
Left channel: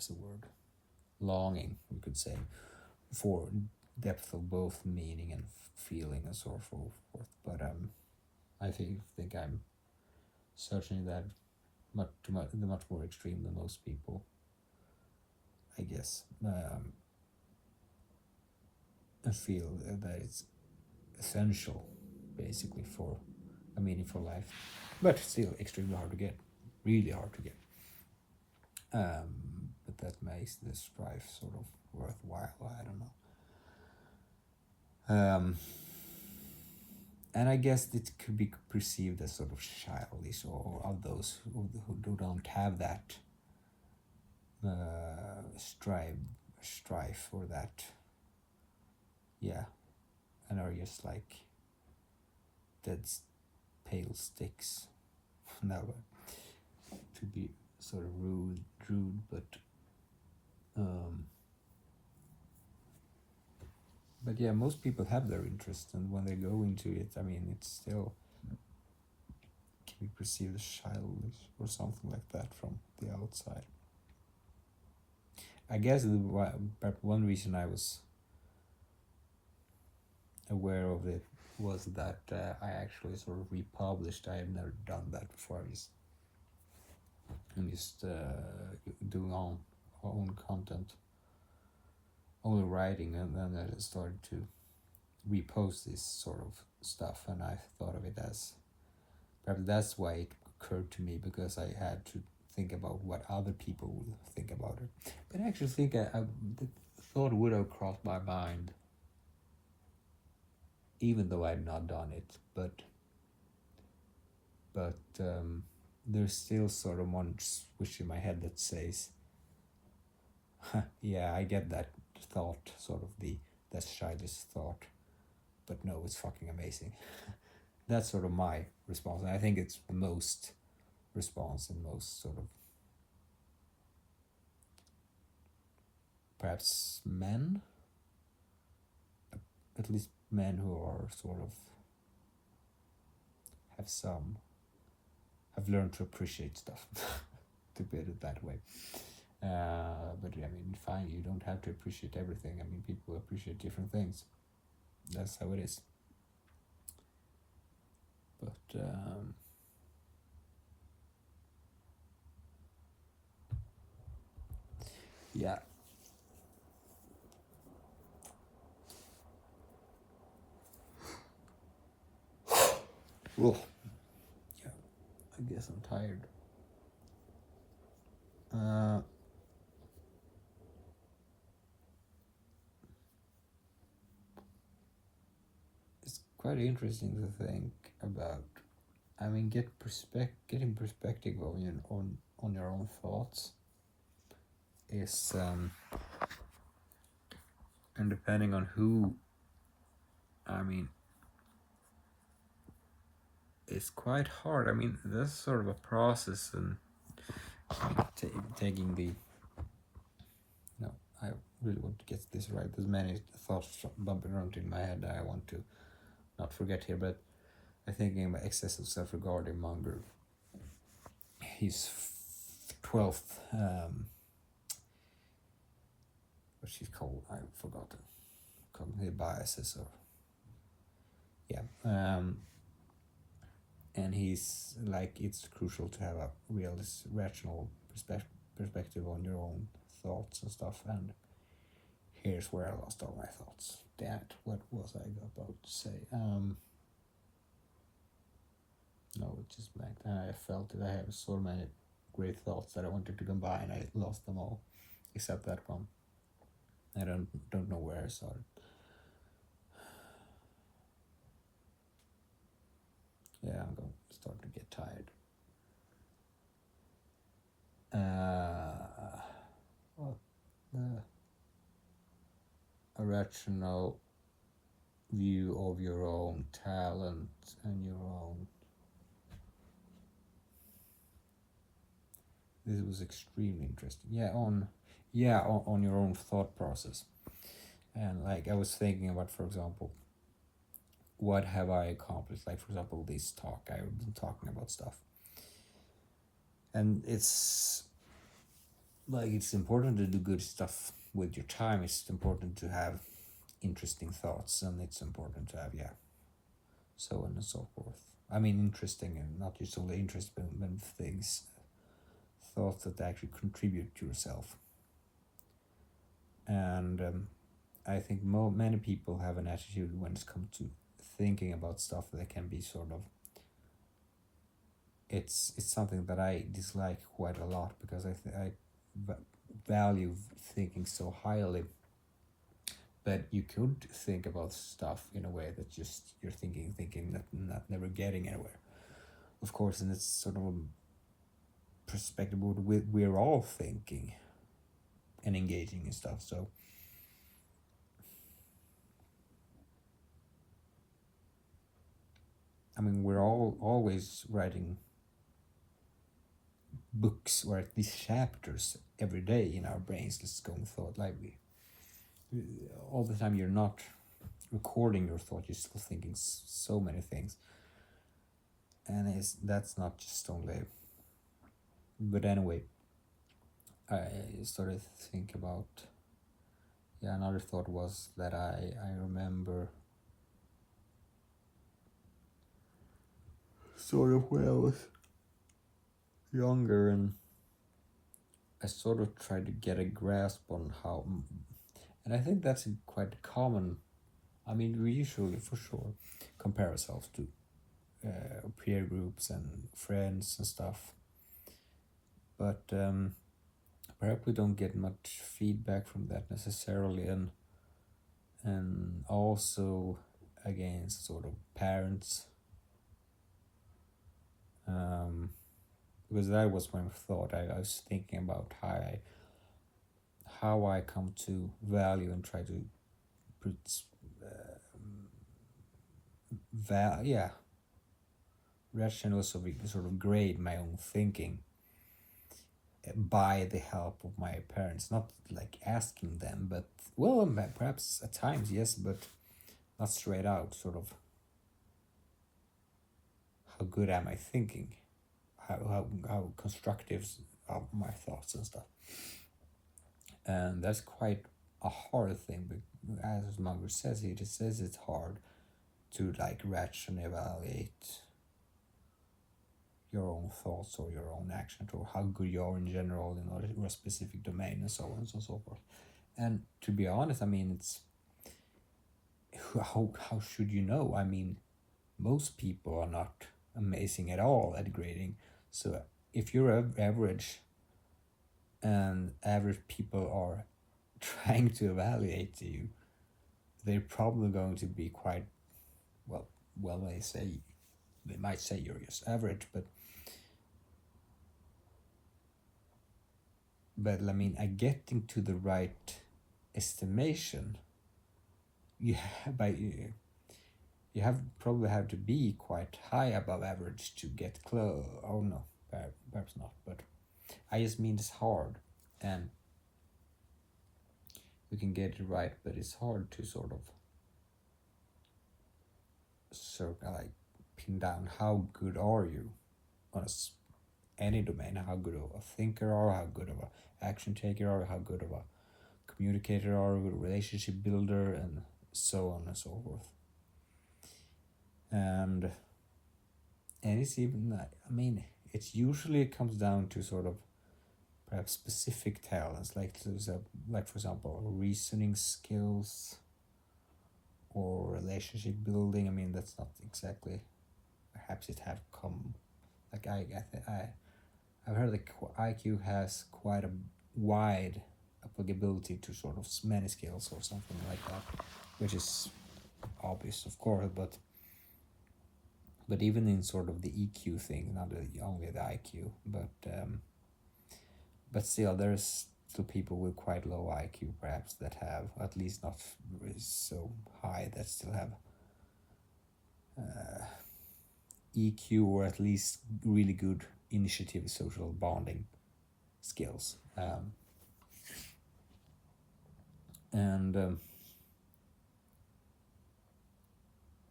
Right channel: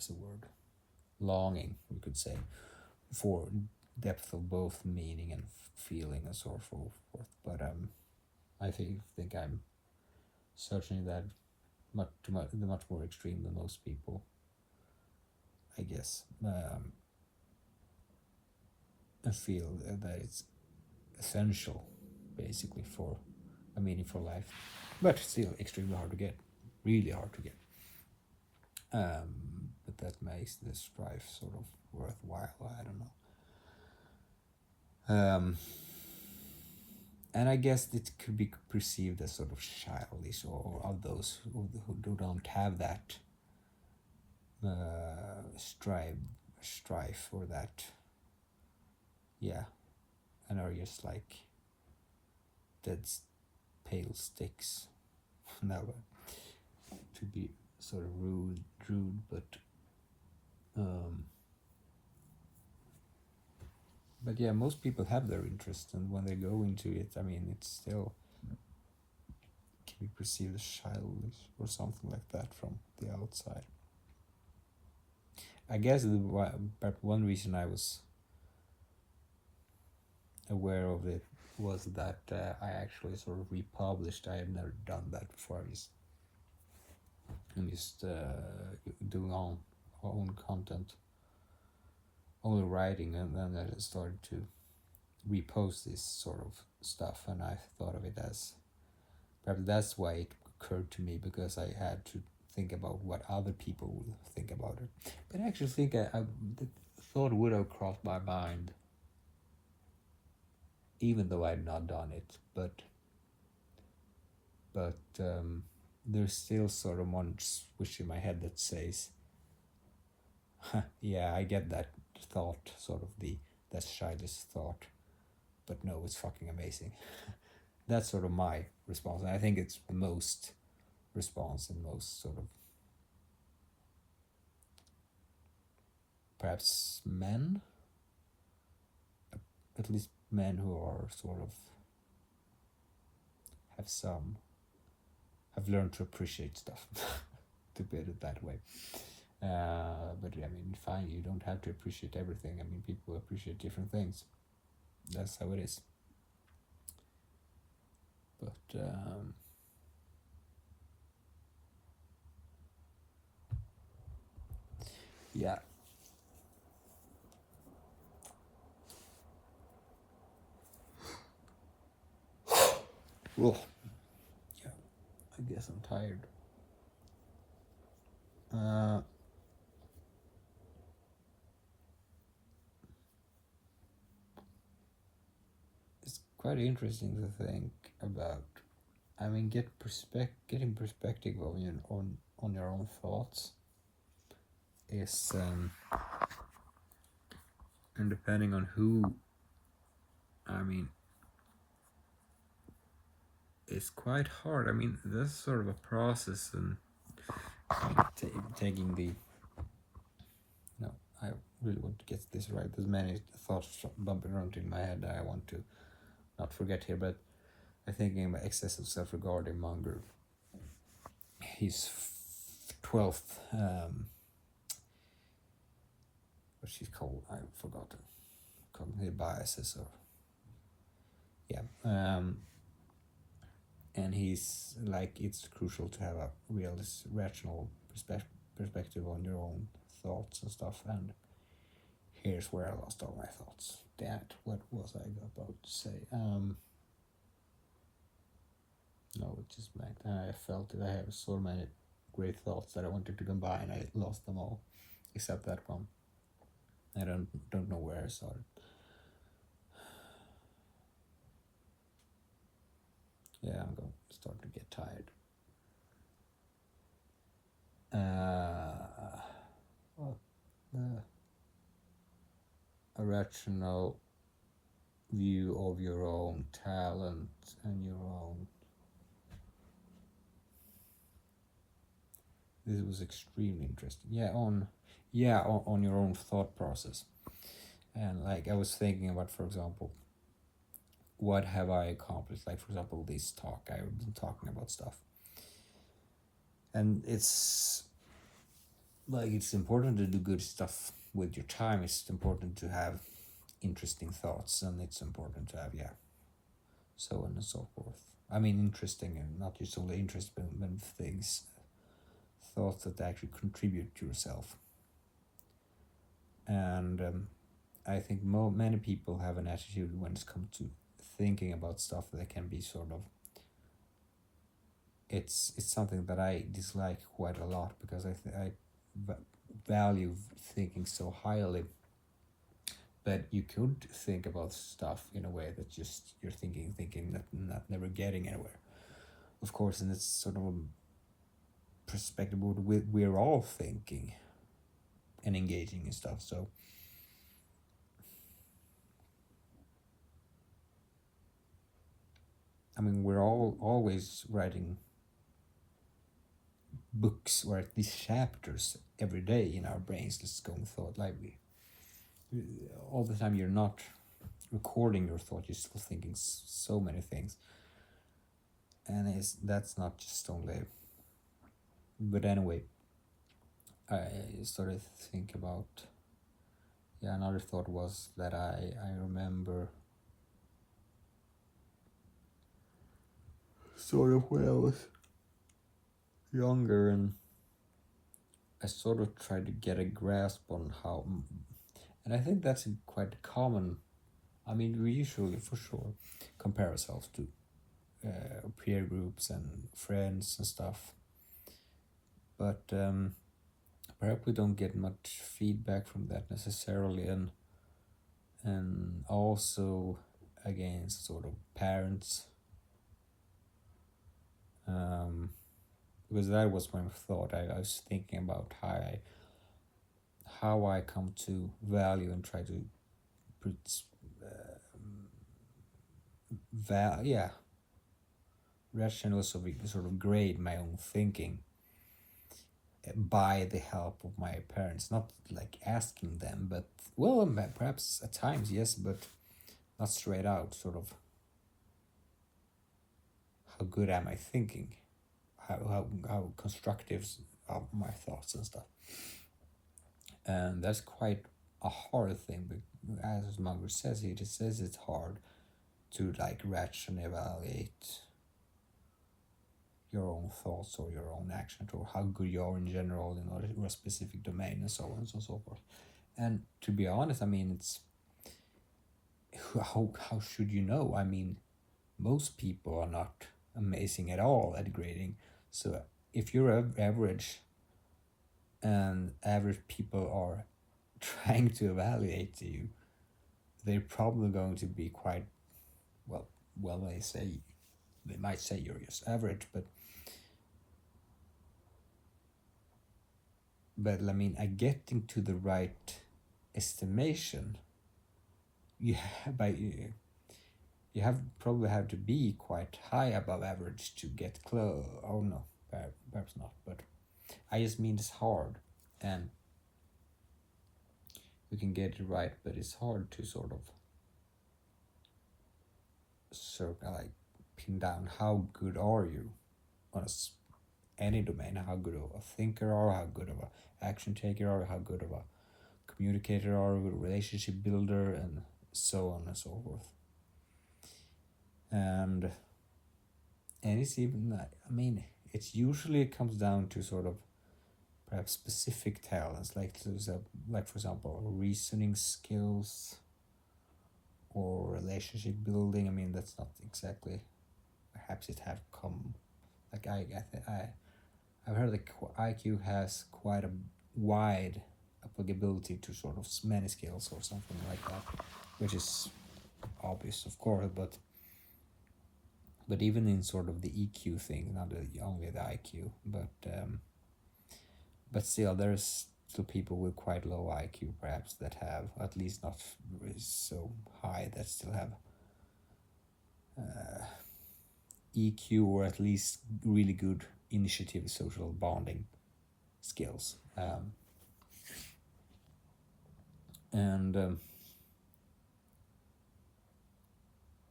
a word, longing, you could say, for depth of both meaning and feeling and so forth. But I think I'm certainly that much more extreme than most people, I guess. I feel that it's essential, basically, for a meaningful life, but still extremely hard to get, really hard to get. But that makes this strife sort of worthwhile. I don't know. And I guess it could be perceived as sort of childish, or of those who don't have that strife or that, yeah, and are just like dead pale sticks. Never to be sort of rude, but yeah, most people have their interest, and when they go into it, I mean, it's still can be perceived as childish or something like that from the outside. I guess one reason I was aware of it was that I actually sort of republished. I have never done that before. I'm just doing own content, only writing, and then I started to repost this sort of stuff, and I thought of it as, perhaps that's why it occurred to me, because I had to think about what other people would think about it. But I actually think the thought would have crossed my mind, even though I'd not done it. But there's still sort of one switch in my head that says, yeah, I get that thought, sort of that childish thought, but no, it's fucking amazing. That's sort of my response, and I think it's the most response and most sort of, perhaps men, at least men who are sort of have learned to appreciate stuff, to put it that way. But I mean, fine, you don't have to appreciate everything. I mean, people appreciate different things. That's how it is. But yeah. Well, yeah, I guess I'm tired. It's quite interesting to think about. I mean, getting perspective on your own thoughts is, and depending on who, I mean, it's quite hard. I mean, that's sort of a process, and taking the, no, I really want to get this right. There's many thoughts bumping around in my head that I want to not forget here, but I'm thinking about excessive self-regard in Munger. His 12th, what she's called, I forgot, cognitive biases, or yeah, and he's like, it's crucial to have a real rational perspective on your own thoughts and stuff. And here's where I lost all my thoughts. Damn it, what was I about to say? No, it just meant I felt that I have so many great thoughts that I wanted to combine. I lost them all, except that one. I don't know where I saw it. start to get tired. A rational view of your own talent and your own. This was extremely interesting. On your own thought process. And like I was thinking about, for example, what have I accomplished? Like, for example, this talk, I've been talking about stuff. And it's like, it's important to do good stuff with your time. It's important to have interesting thoughts, and it's important to have, so on and so forth. I mean, interesting, and not just only interest, but things, thoughts that actually contribute to yourself. And I think many people have an attitude when it comes to thinking about stuff that can be sort of, it's something that I dislike quite a lot, because I value thinking so highly. But you could think about stuff in a way that just you're thinking, not never getting anywhere. Of course, and it's sort of a perspective we're all thinking and engaging in stuff. So I mean, we're all always writing books, or at least chapters, every day in our brains. Let's go and thought lively. All the time you're not recording your thought, you're still thinking so many things. And that's not just only. But anyway, I started to think about, another thought was that I remember sort of when I was younger, and I sort of tried to get a grasp on how, and I think that's quite common. I mean, we usually, for sure, compare ourselves to peer groups and friends and stuff, but perhaps we don't get much feedback from that necessarily, and also against sort of parents, because that was my thought. I was thinking about how I come to value and try to put rationally sort of grade my own thinking by the help of my parents, not like asking them, but perhaps at times, yes, but not straight out, sort of, how good am I thinking, how constructive are my thoughts and stuff. And that's quite a hard thing, but as Munger says, he just says it's hard to like rationally evaluate your own thoughts or your own actions, or how good you are in general in a specific domain, and so on and so forth. And to be honest, I mean, it's how should you know? I mean, most people are not amazing at all at grading. So if you're average, and average people are trying to evaluate you, they're probably going to be quite they might say you're just average, but I mean, getting to the right estimation, you probably have to be quite high above average to get close. Oh no, perhaps not, but I just mean it's hard, and you can get it right, but it's hard to sort of like pin down how good are you on any domain, how good of a thinker are, how good of an action taker are, how good of a communicator are, a relationship builder, and so on and so forth. And it's even that, I mean, it's usually comes down to sort of perhaps specific talents, like for example, reasoning skills or relationship building. I mean, that's not exactly, perhaps it have come, like I've heard that IQ has quite a wide applicability to sort of many skills or something like that, which is obvious, of course, but But even in sort of the EQ thing, not only the IQ, but still there's still people with quite low IQ perhaps that have, at least not so high, that still have EQ, or at least really good initiative, social bonding skills.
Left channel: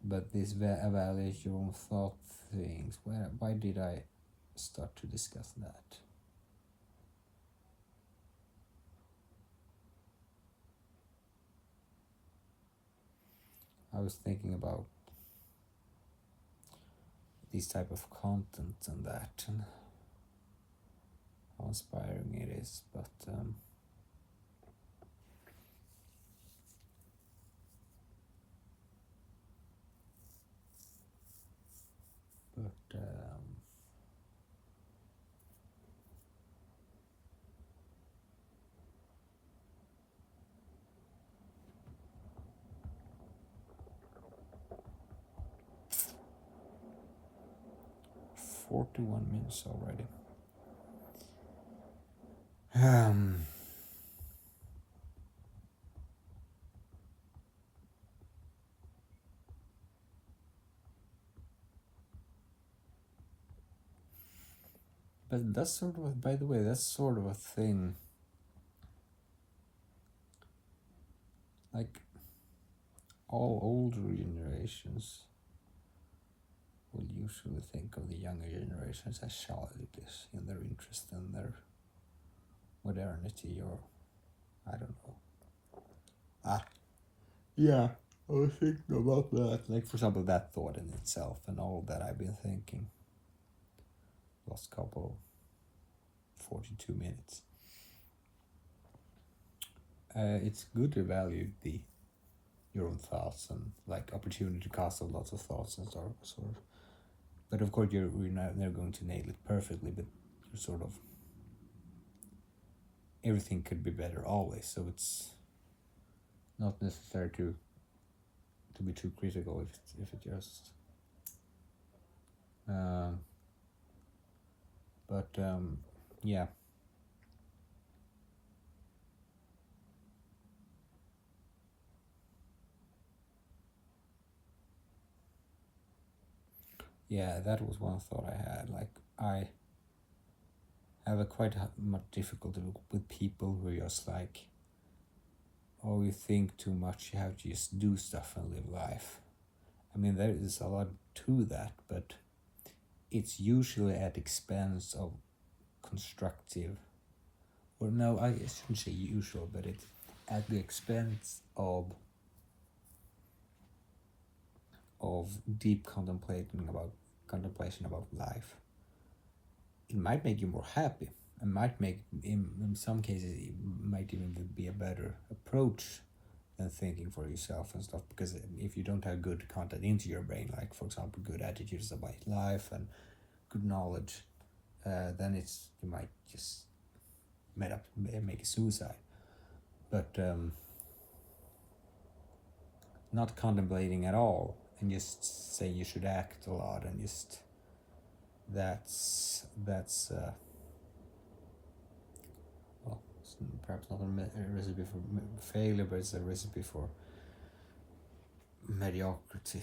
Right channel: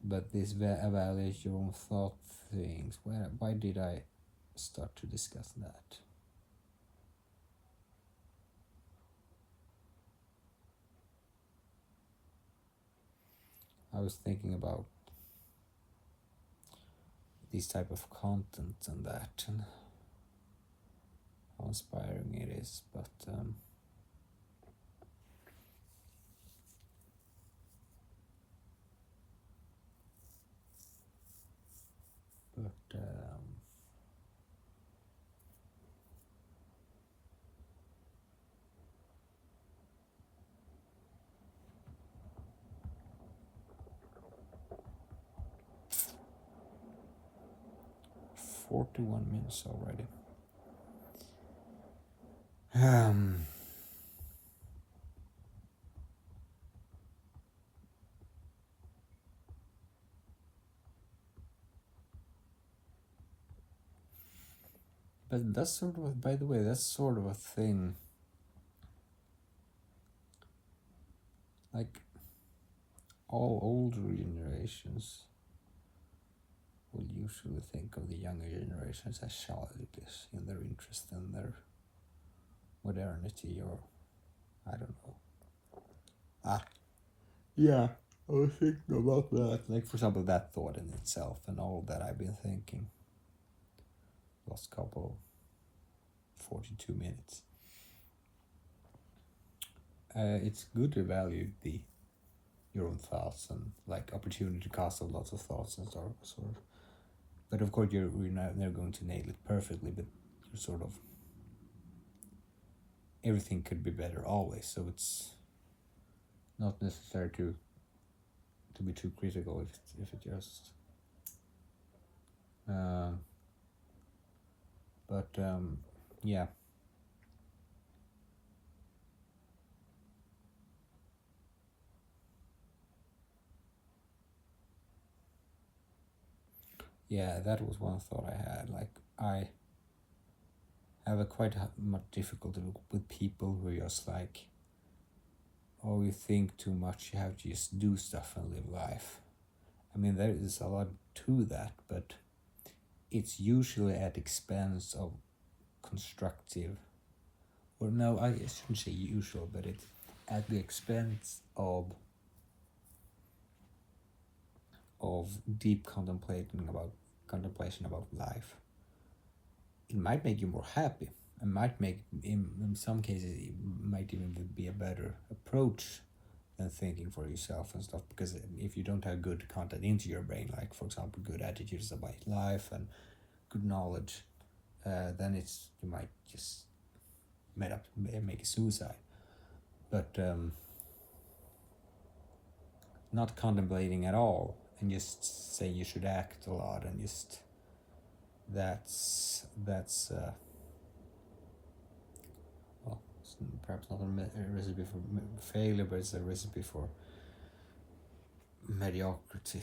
But this evaluate your own thought things, why did I start to discuss that? I was thinking about this type of content and that, and how inspiring it is, but but 41 minutes already. But that's sort of, by the way, that's sort of a thing. Like all older generations will usually think of the younger generations as childish in their interest and their modernity, or I don't know. Yeah, I was thinking about that. Like, for example, that thought in itself and all that I've been thinking. Last couple 42 minutes. It's good to value your own thoughts and like opportunity to cast lots of thoughts and sort of. But of course, you're not never going to nail it perfectly. But you're sort of, everything could be better always. So it's not necessary to be too critical if it just. Yeah. Yeah, that was one thought I had. Like, I have a quite much difficulty with people who are just like, oh, you think too much, you have to just do stuff and live life. I mean, there is a lot to that, but it's usually at expense of constructive, or no, I shouldn't say usual, but it's at the expense of deep contemplation about life. It might make you more happy. It might make, in some cases, it might even be a better approach than thinking for yourself and stuff, because if you don't have good content into your brain, like for example good attitudes about life and good knowledge, then you might just make a suicide. But not contemplating at all and just say you should act a lot, and just that's perhaps not a recipe for failure, but it's a recipe for mediocrity,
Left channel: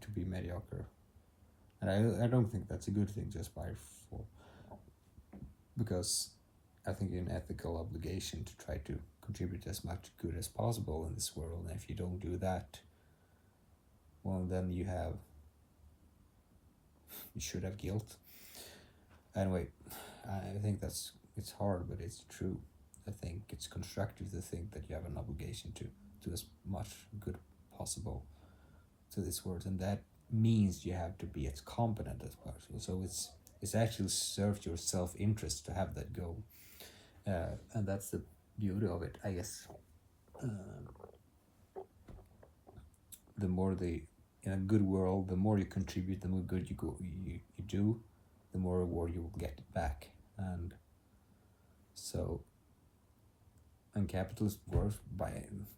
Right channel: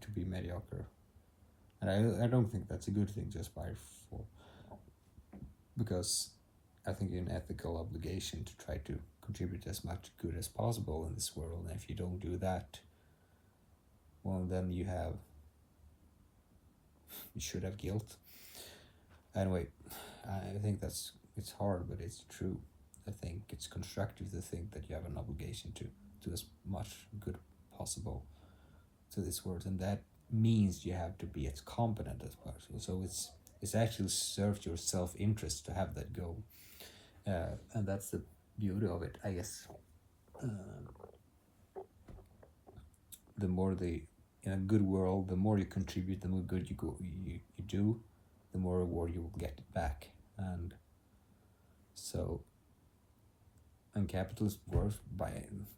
to be mediocre. And I don't think that's a good thing, because I think you're an ethical obligation to try to contribute as much good as possible in this world, and if you don't do that, well, then you should have guilt. Anyway, I think it's hard, but it's true. I think it's constructive to think that you have an obligation to do as much good possible to this world, and that means you have to be as competent as possible. So it's actually serves your self-interest to have that goal, and that's the beauty of it, I guess. The more in a good world, the more you contribute, the more good you do, the more reward you will get back. And so, and capitalism works by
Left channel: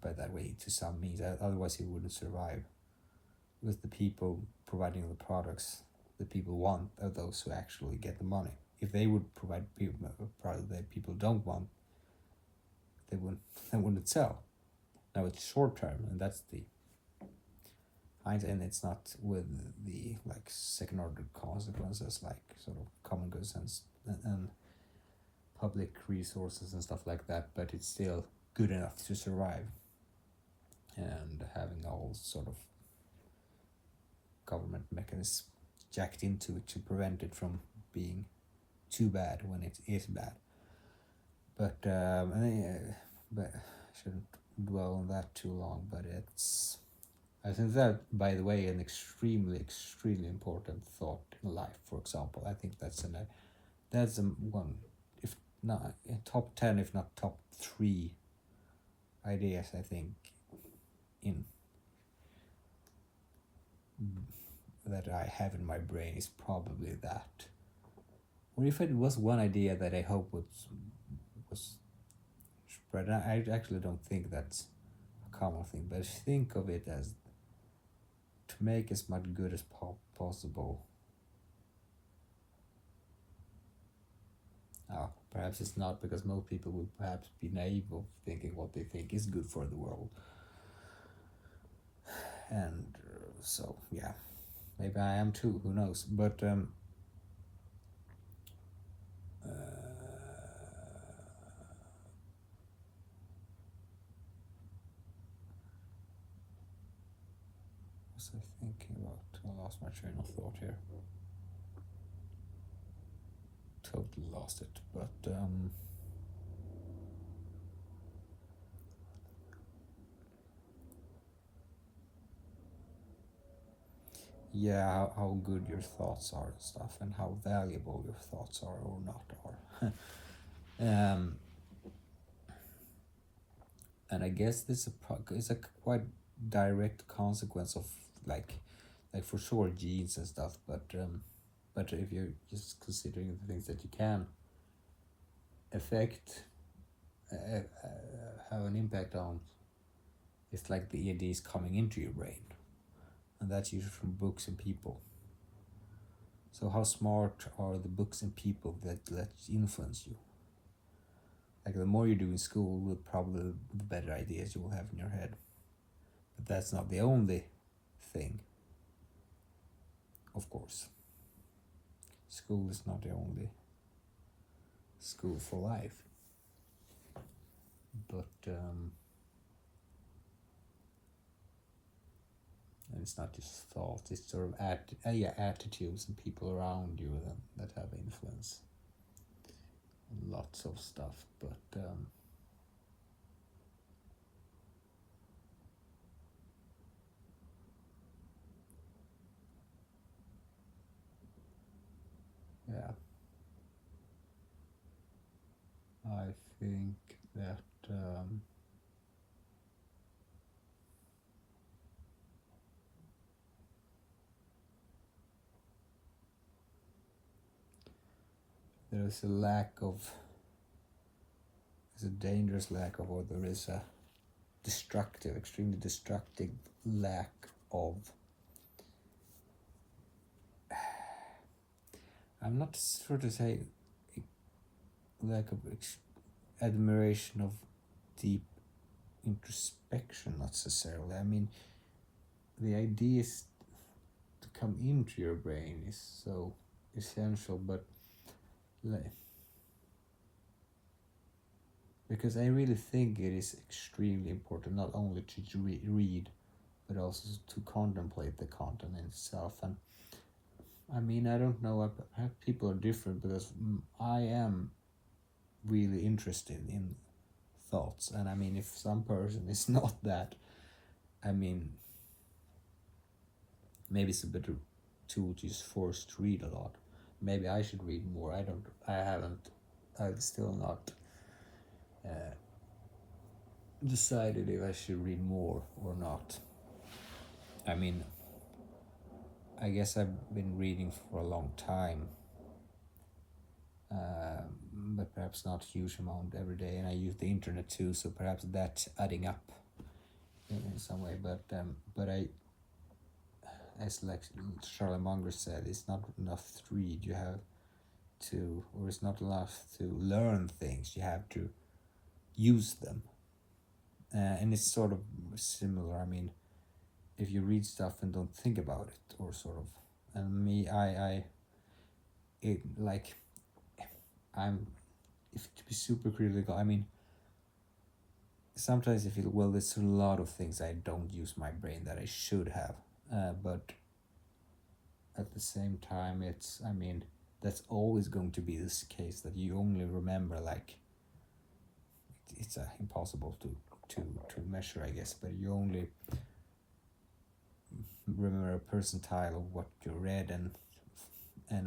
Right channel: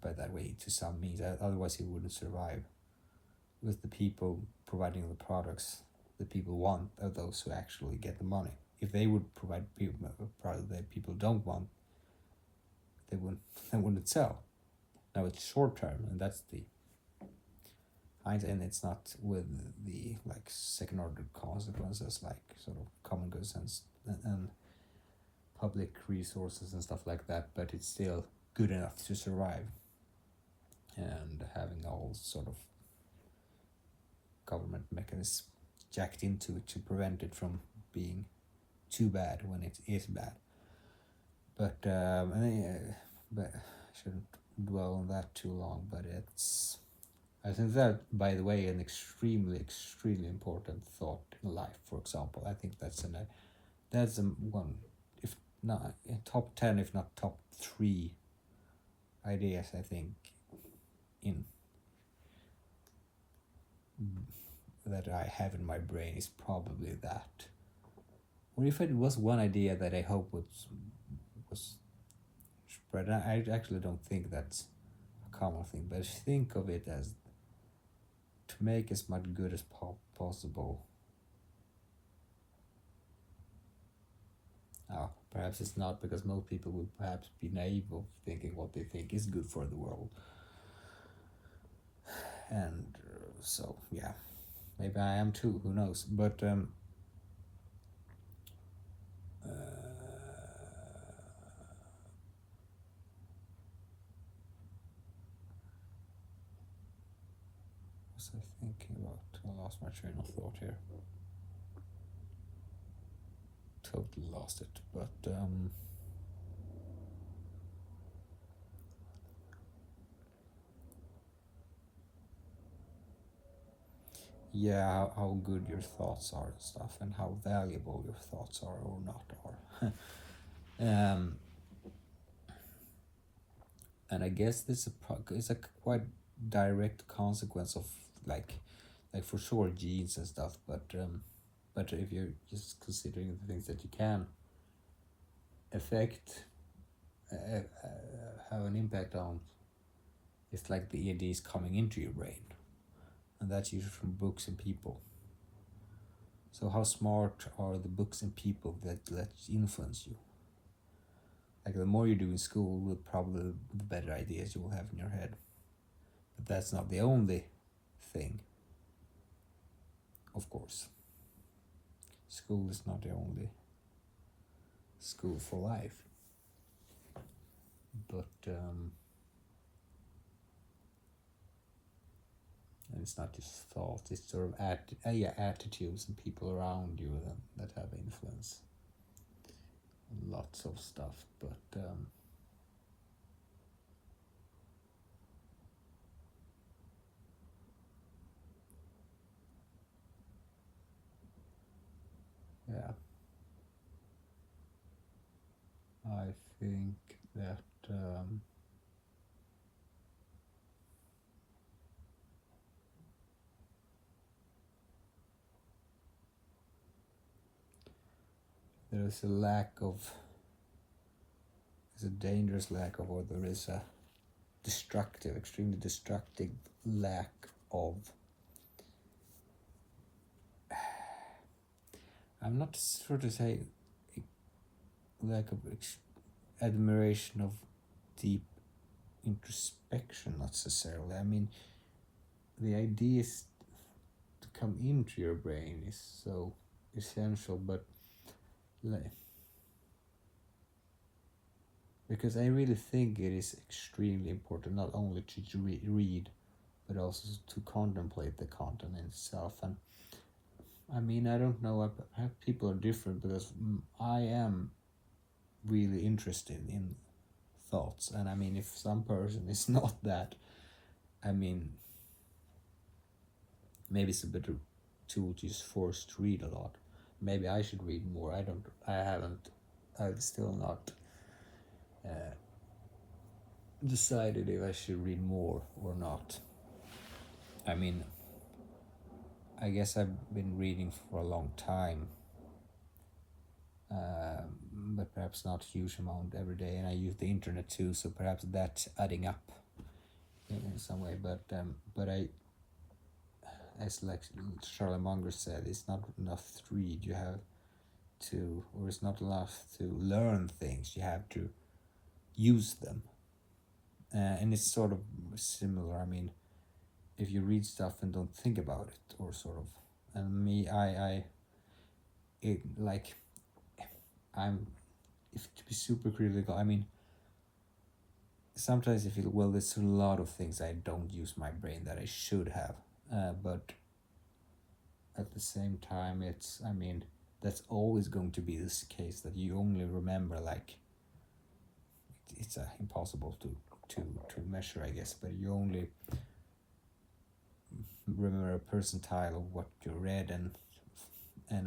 that way to some means, otherwise it wouldn't survive. with the people providing the products the people want are those who actually get the money. If they would provide people a product that people don't want, they wouldn't sell. Now it's short term, and that's the and it's not with the like second order consequences, like sort of common goods and public resources and stuff like that, but it's still good enough to survive, and having all sort of government mechanisms jacked into it to prevent it from being too bad when it is bad. But but I shouldn't dwell on that too long. But I think that, by the way, an extremely important thought in life. For example, I think that's one, if not top 10, if not top 3 ideas, I think, in that I have in my brain is probably that. Or if it was one idea that I hope was spread, I actually don't think that's a common thing, but think of it as to make as much good as possible. Perhaps it's not, because most people would perhaps be naive of thinking what they think is good for the world. And so, yeah, maybe I am too, who knows. But was I thinking about? I lost my train of thought here. Totally lost it. But yeah, how good your thoughts are and stuff, and how valuable your thoughts are or not are. And I guess this is a quite direct consequence of like for sure genes and stuff, but if you're just considering the things that you can affect, have an impact on, it's like the ideas coming into your brain, and that's usually from books and people. So how smart are the books and people that influence you? Like the more you do in school, the better ideas you will have in your head. But that's not the only thing, of course. School is not the only school for life. But it's not just thoughts, it's sort of attitudes and people around you that have influence. And lots of stuff, but yeah, I think that there is a dangerous lack of, or there is a extremely destructive lack of, I'm not sure to say lack of admiration of deep introspection necessarily. I mean, the ideas to come into your brain is so essential, but because I really think it is extremely important not only to read, but also to contemplate the content in itself. And I mean, I don't know, people are different, because I am really interested in thoughts, and I mean, if some person is not that, I mean, maybe it's a bit too much is forced to read a lot. Maybe I should read more. I've still not decided if I should read more or not. I mean, I guess I've been reading for a long time, but perhaps not a huge amount every day, and I use the internet too, so perhaps that's adding up in some way. But as like Charlotte Munger said, it's not enough to read. You have to, or it's not enough to learn things. You have to use them, and it's sort of similar. I mean, if you read stuff and don't think about it, or sort of, and me, it like, I'm, if to be super critical, I mean, sometimes I feel, well, there's a lot of things I don't use my brain that I should have, but at the same time, it's, I mean, that's always going to be this case, that you only remember, like, it's impossible to measure, I guess, but you only remember a percentile of what you read, and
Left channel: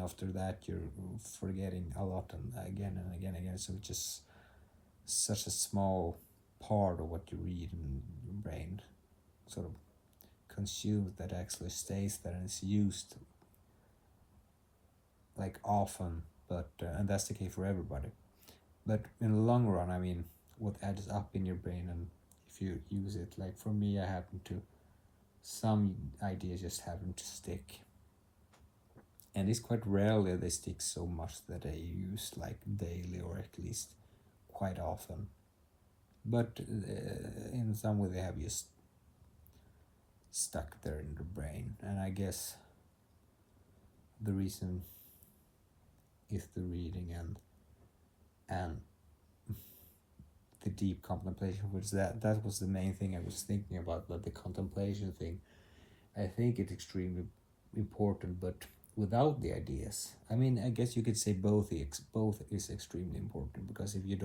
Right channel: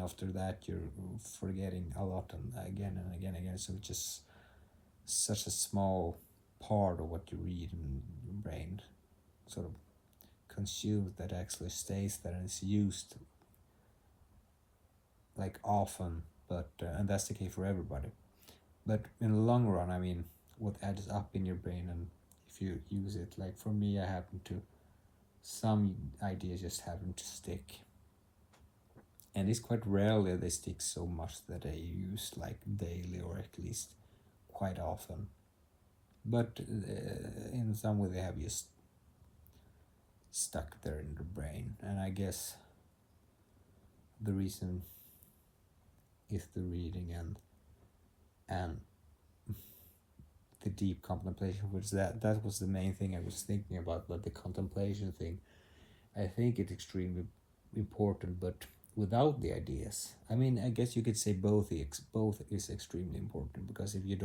after that you're forgetting a lot, and again, so it's just such a small part of what you read in your brain sort of consumed that actually stays there and is used like often, but and that's the case for everybody. But in the long run, I mean, what adds up in your brain, and if you use it, like for me, I happen to, some ideas just happen to stick, and it's quite rarely they stick so much that I use like daily, or at least quite often, but in some way they have just stuck there in the brain. And I guess the reason is the reading and the deep contemplation, which that was the main thing I was thinking about. But the contemplation thing, I think it's extremely important, but without the ideas, I mean, I guess you could say both is extremely important, because if you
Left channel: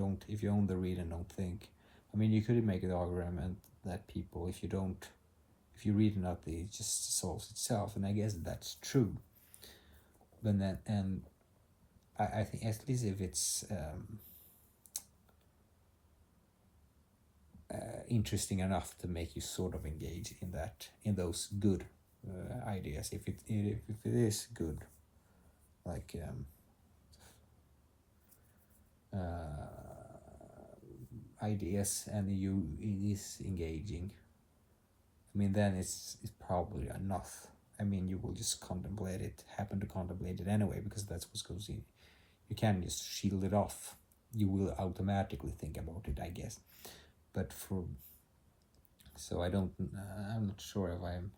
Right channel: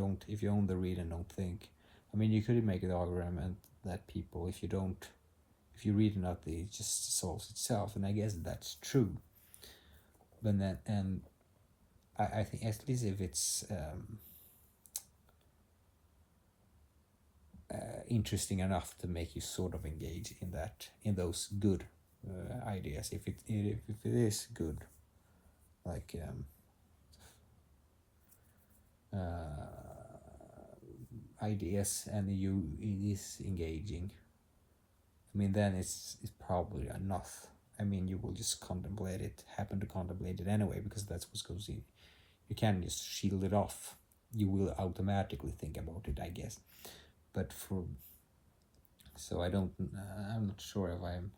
only read and don't think, I mean, you could make the argument that people, if you read enough, it just solves itself, and I guess that's true. But then, and I think at least if it's interesting enough to make you sort of engage in those good ideas, if it is good, like ideas, and it is engaging, I mean, then it's probably enough. I mean, you will just happen to contemplate it anyway, because that's what goes in. You can't just shield it off. You will automatically think about it, I guess. But so I'm not sure if I'm,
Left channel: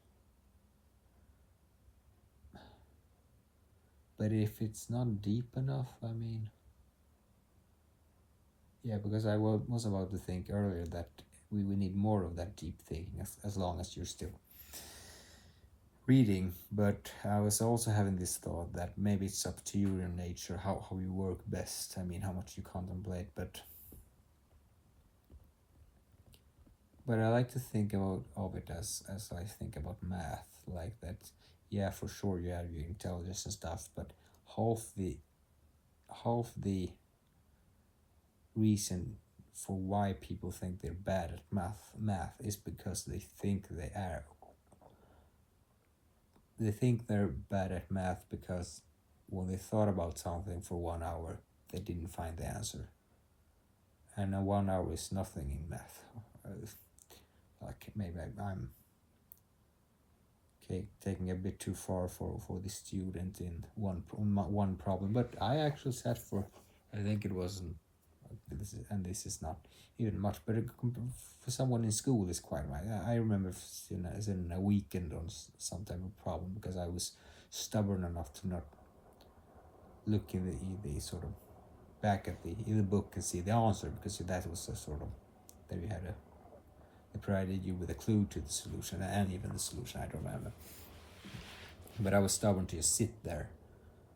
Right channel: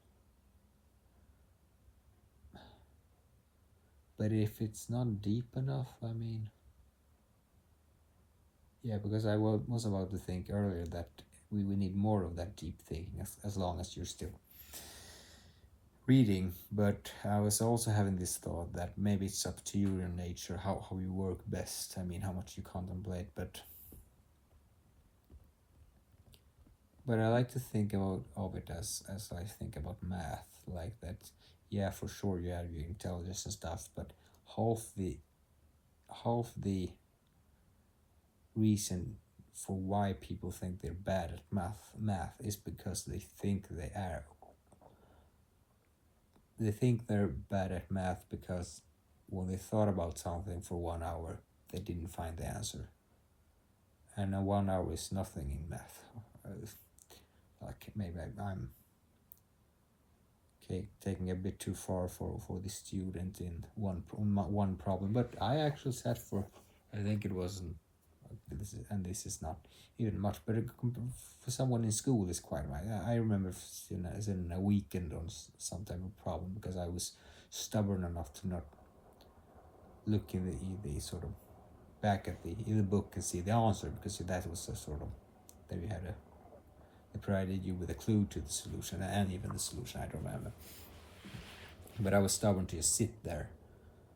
but if it's not deep enough, I mean, yeah, because I was about to think earlier that we need more of that deep thinking, as long as you're still reading. But I was also having this thought that maybe it's up to you, your nature, how you work best. I mean, how much you contemplate, but I like to think of it as I think about math, like that. Yeah, for sure you have your intelligence and stuff, but half the reason for why people think they're bad at math is because they think they're bad at math because when they thought about something for 1 hour, they didn't find the answer. And 1 hour is nothing in math. Like, maybe I'm taking a bit too far for the student in one problem, but I actually sat for, I think it wasn't, this is not even much, but for someone in school is quite right. I remember in a weekend on some type of problem, because I was stubborn enough to not look in the sort of back at the book and see the answer, because that was a sort of, that we had provided you with a clue to the solution, and even the solution, I don't remember. But I was stubborn to just sit there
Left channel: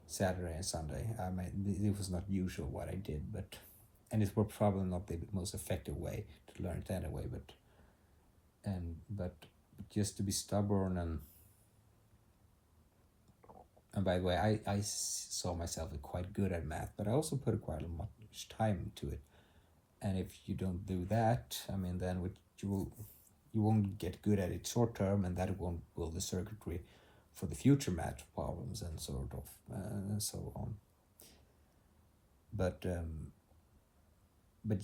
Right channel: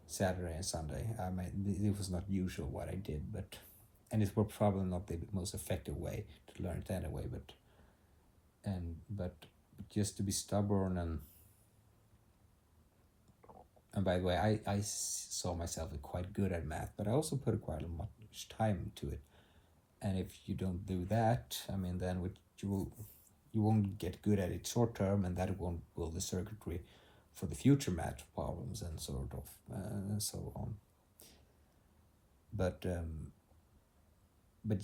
Saturday and Sunday. I mean, it was not usual what I did, and it was probably not the most effective way to learn it anyway. But just to be stubborn, and by the way, I saw myself as quite good at math, but I also put quite much time into it. And if you don't do that, I mean, then you won't get good at it short term, and that won't build the circuitry for the future math problems and sort of and so on. But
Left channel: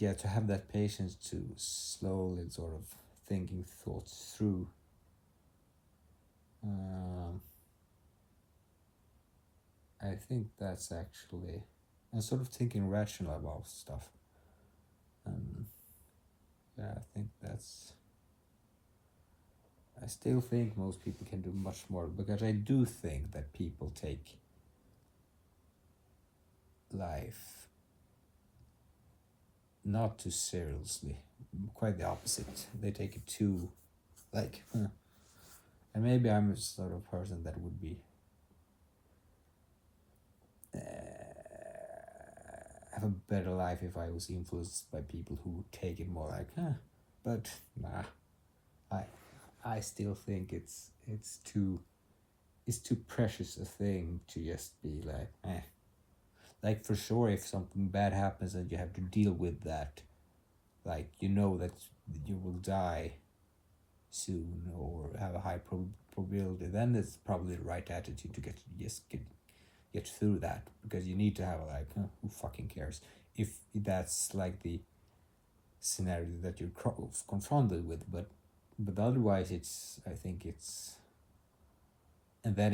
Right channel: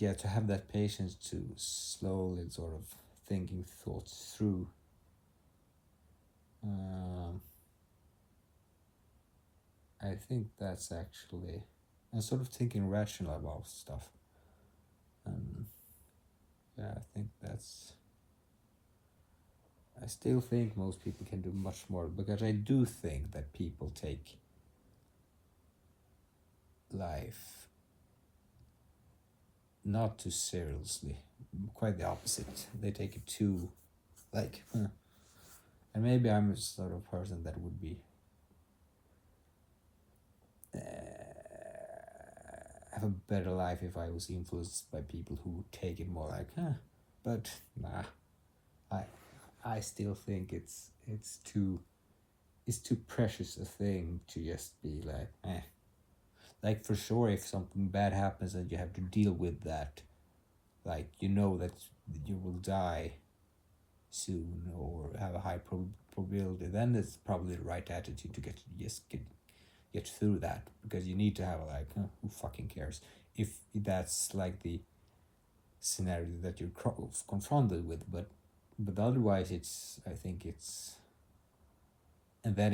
yeah, to have that patience to slowly sort of thinking thoughts through, think that's actually, I'm sort of thinking rational about stuff. Yeah, I think that's, I still think most people can do much more, because I do think that people take life not too seriously. Quite the opposite. They take it too, like, and maybe I'm a sort of person that would be have a better life if I was influenced by people who take it more like, but nah, I still think it's too precious a thing to just be like, Like, for sure, if something bad happens and you have to deal with that, like, you know that you will die soon or have a high probability, then it's probably the right attitude to get through that, because you need to have like, who fucking cares, if that's like the scenario that you're confronted with, but otherwise I think it's, and that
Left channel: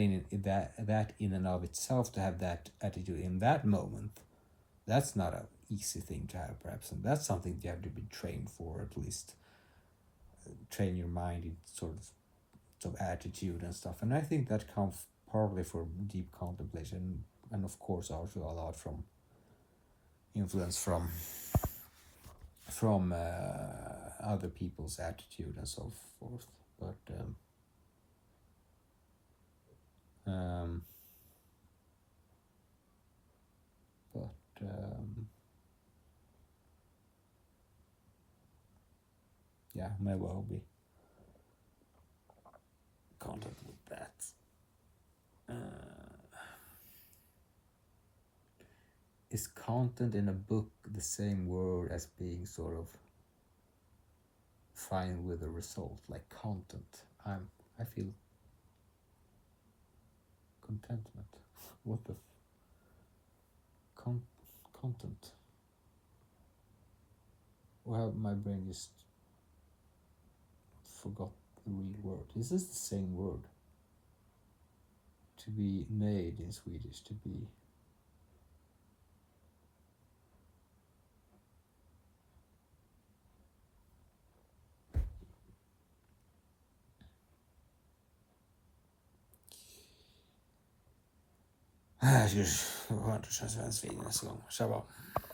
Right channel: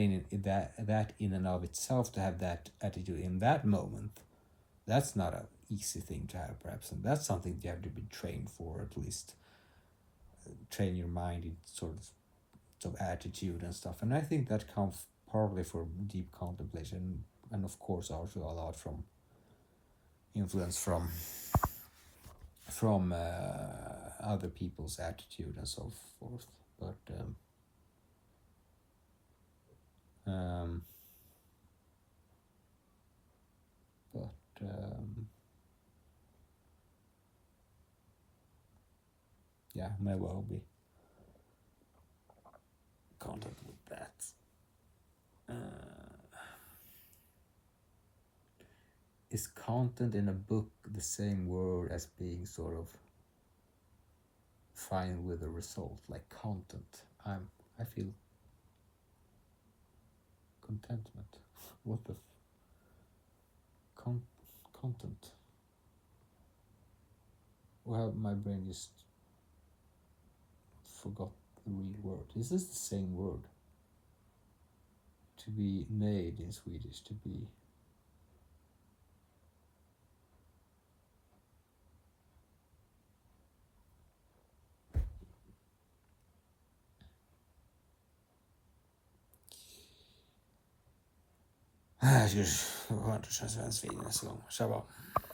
in and of itself, to have that attitude in that moment, that's not an easy thing to have, perhaps, and that's something you have to be trained for, at least train your mind in sort of attitude and stuff. And I think that comes partly from deep contemplation, and of course also a lot from influence from other people's attitude and so forth. But um, yeah, maybe I'll be content with that. Is content in a book the same word as being sort of fine with the result? Like, content, I feel contentment. What the content? Well, my brain just forgot the real word. This is the same word. To be made in Swedish, to be. Jag har hört det svenska så.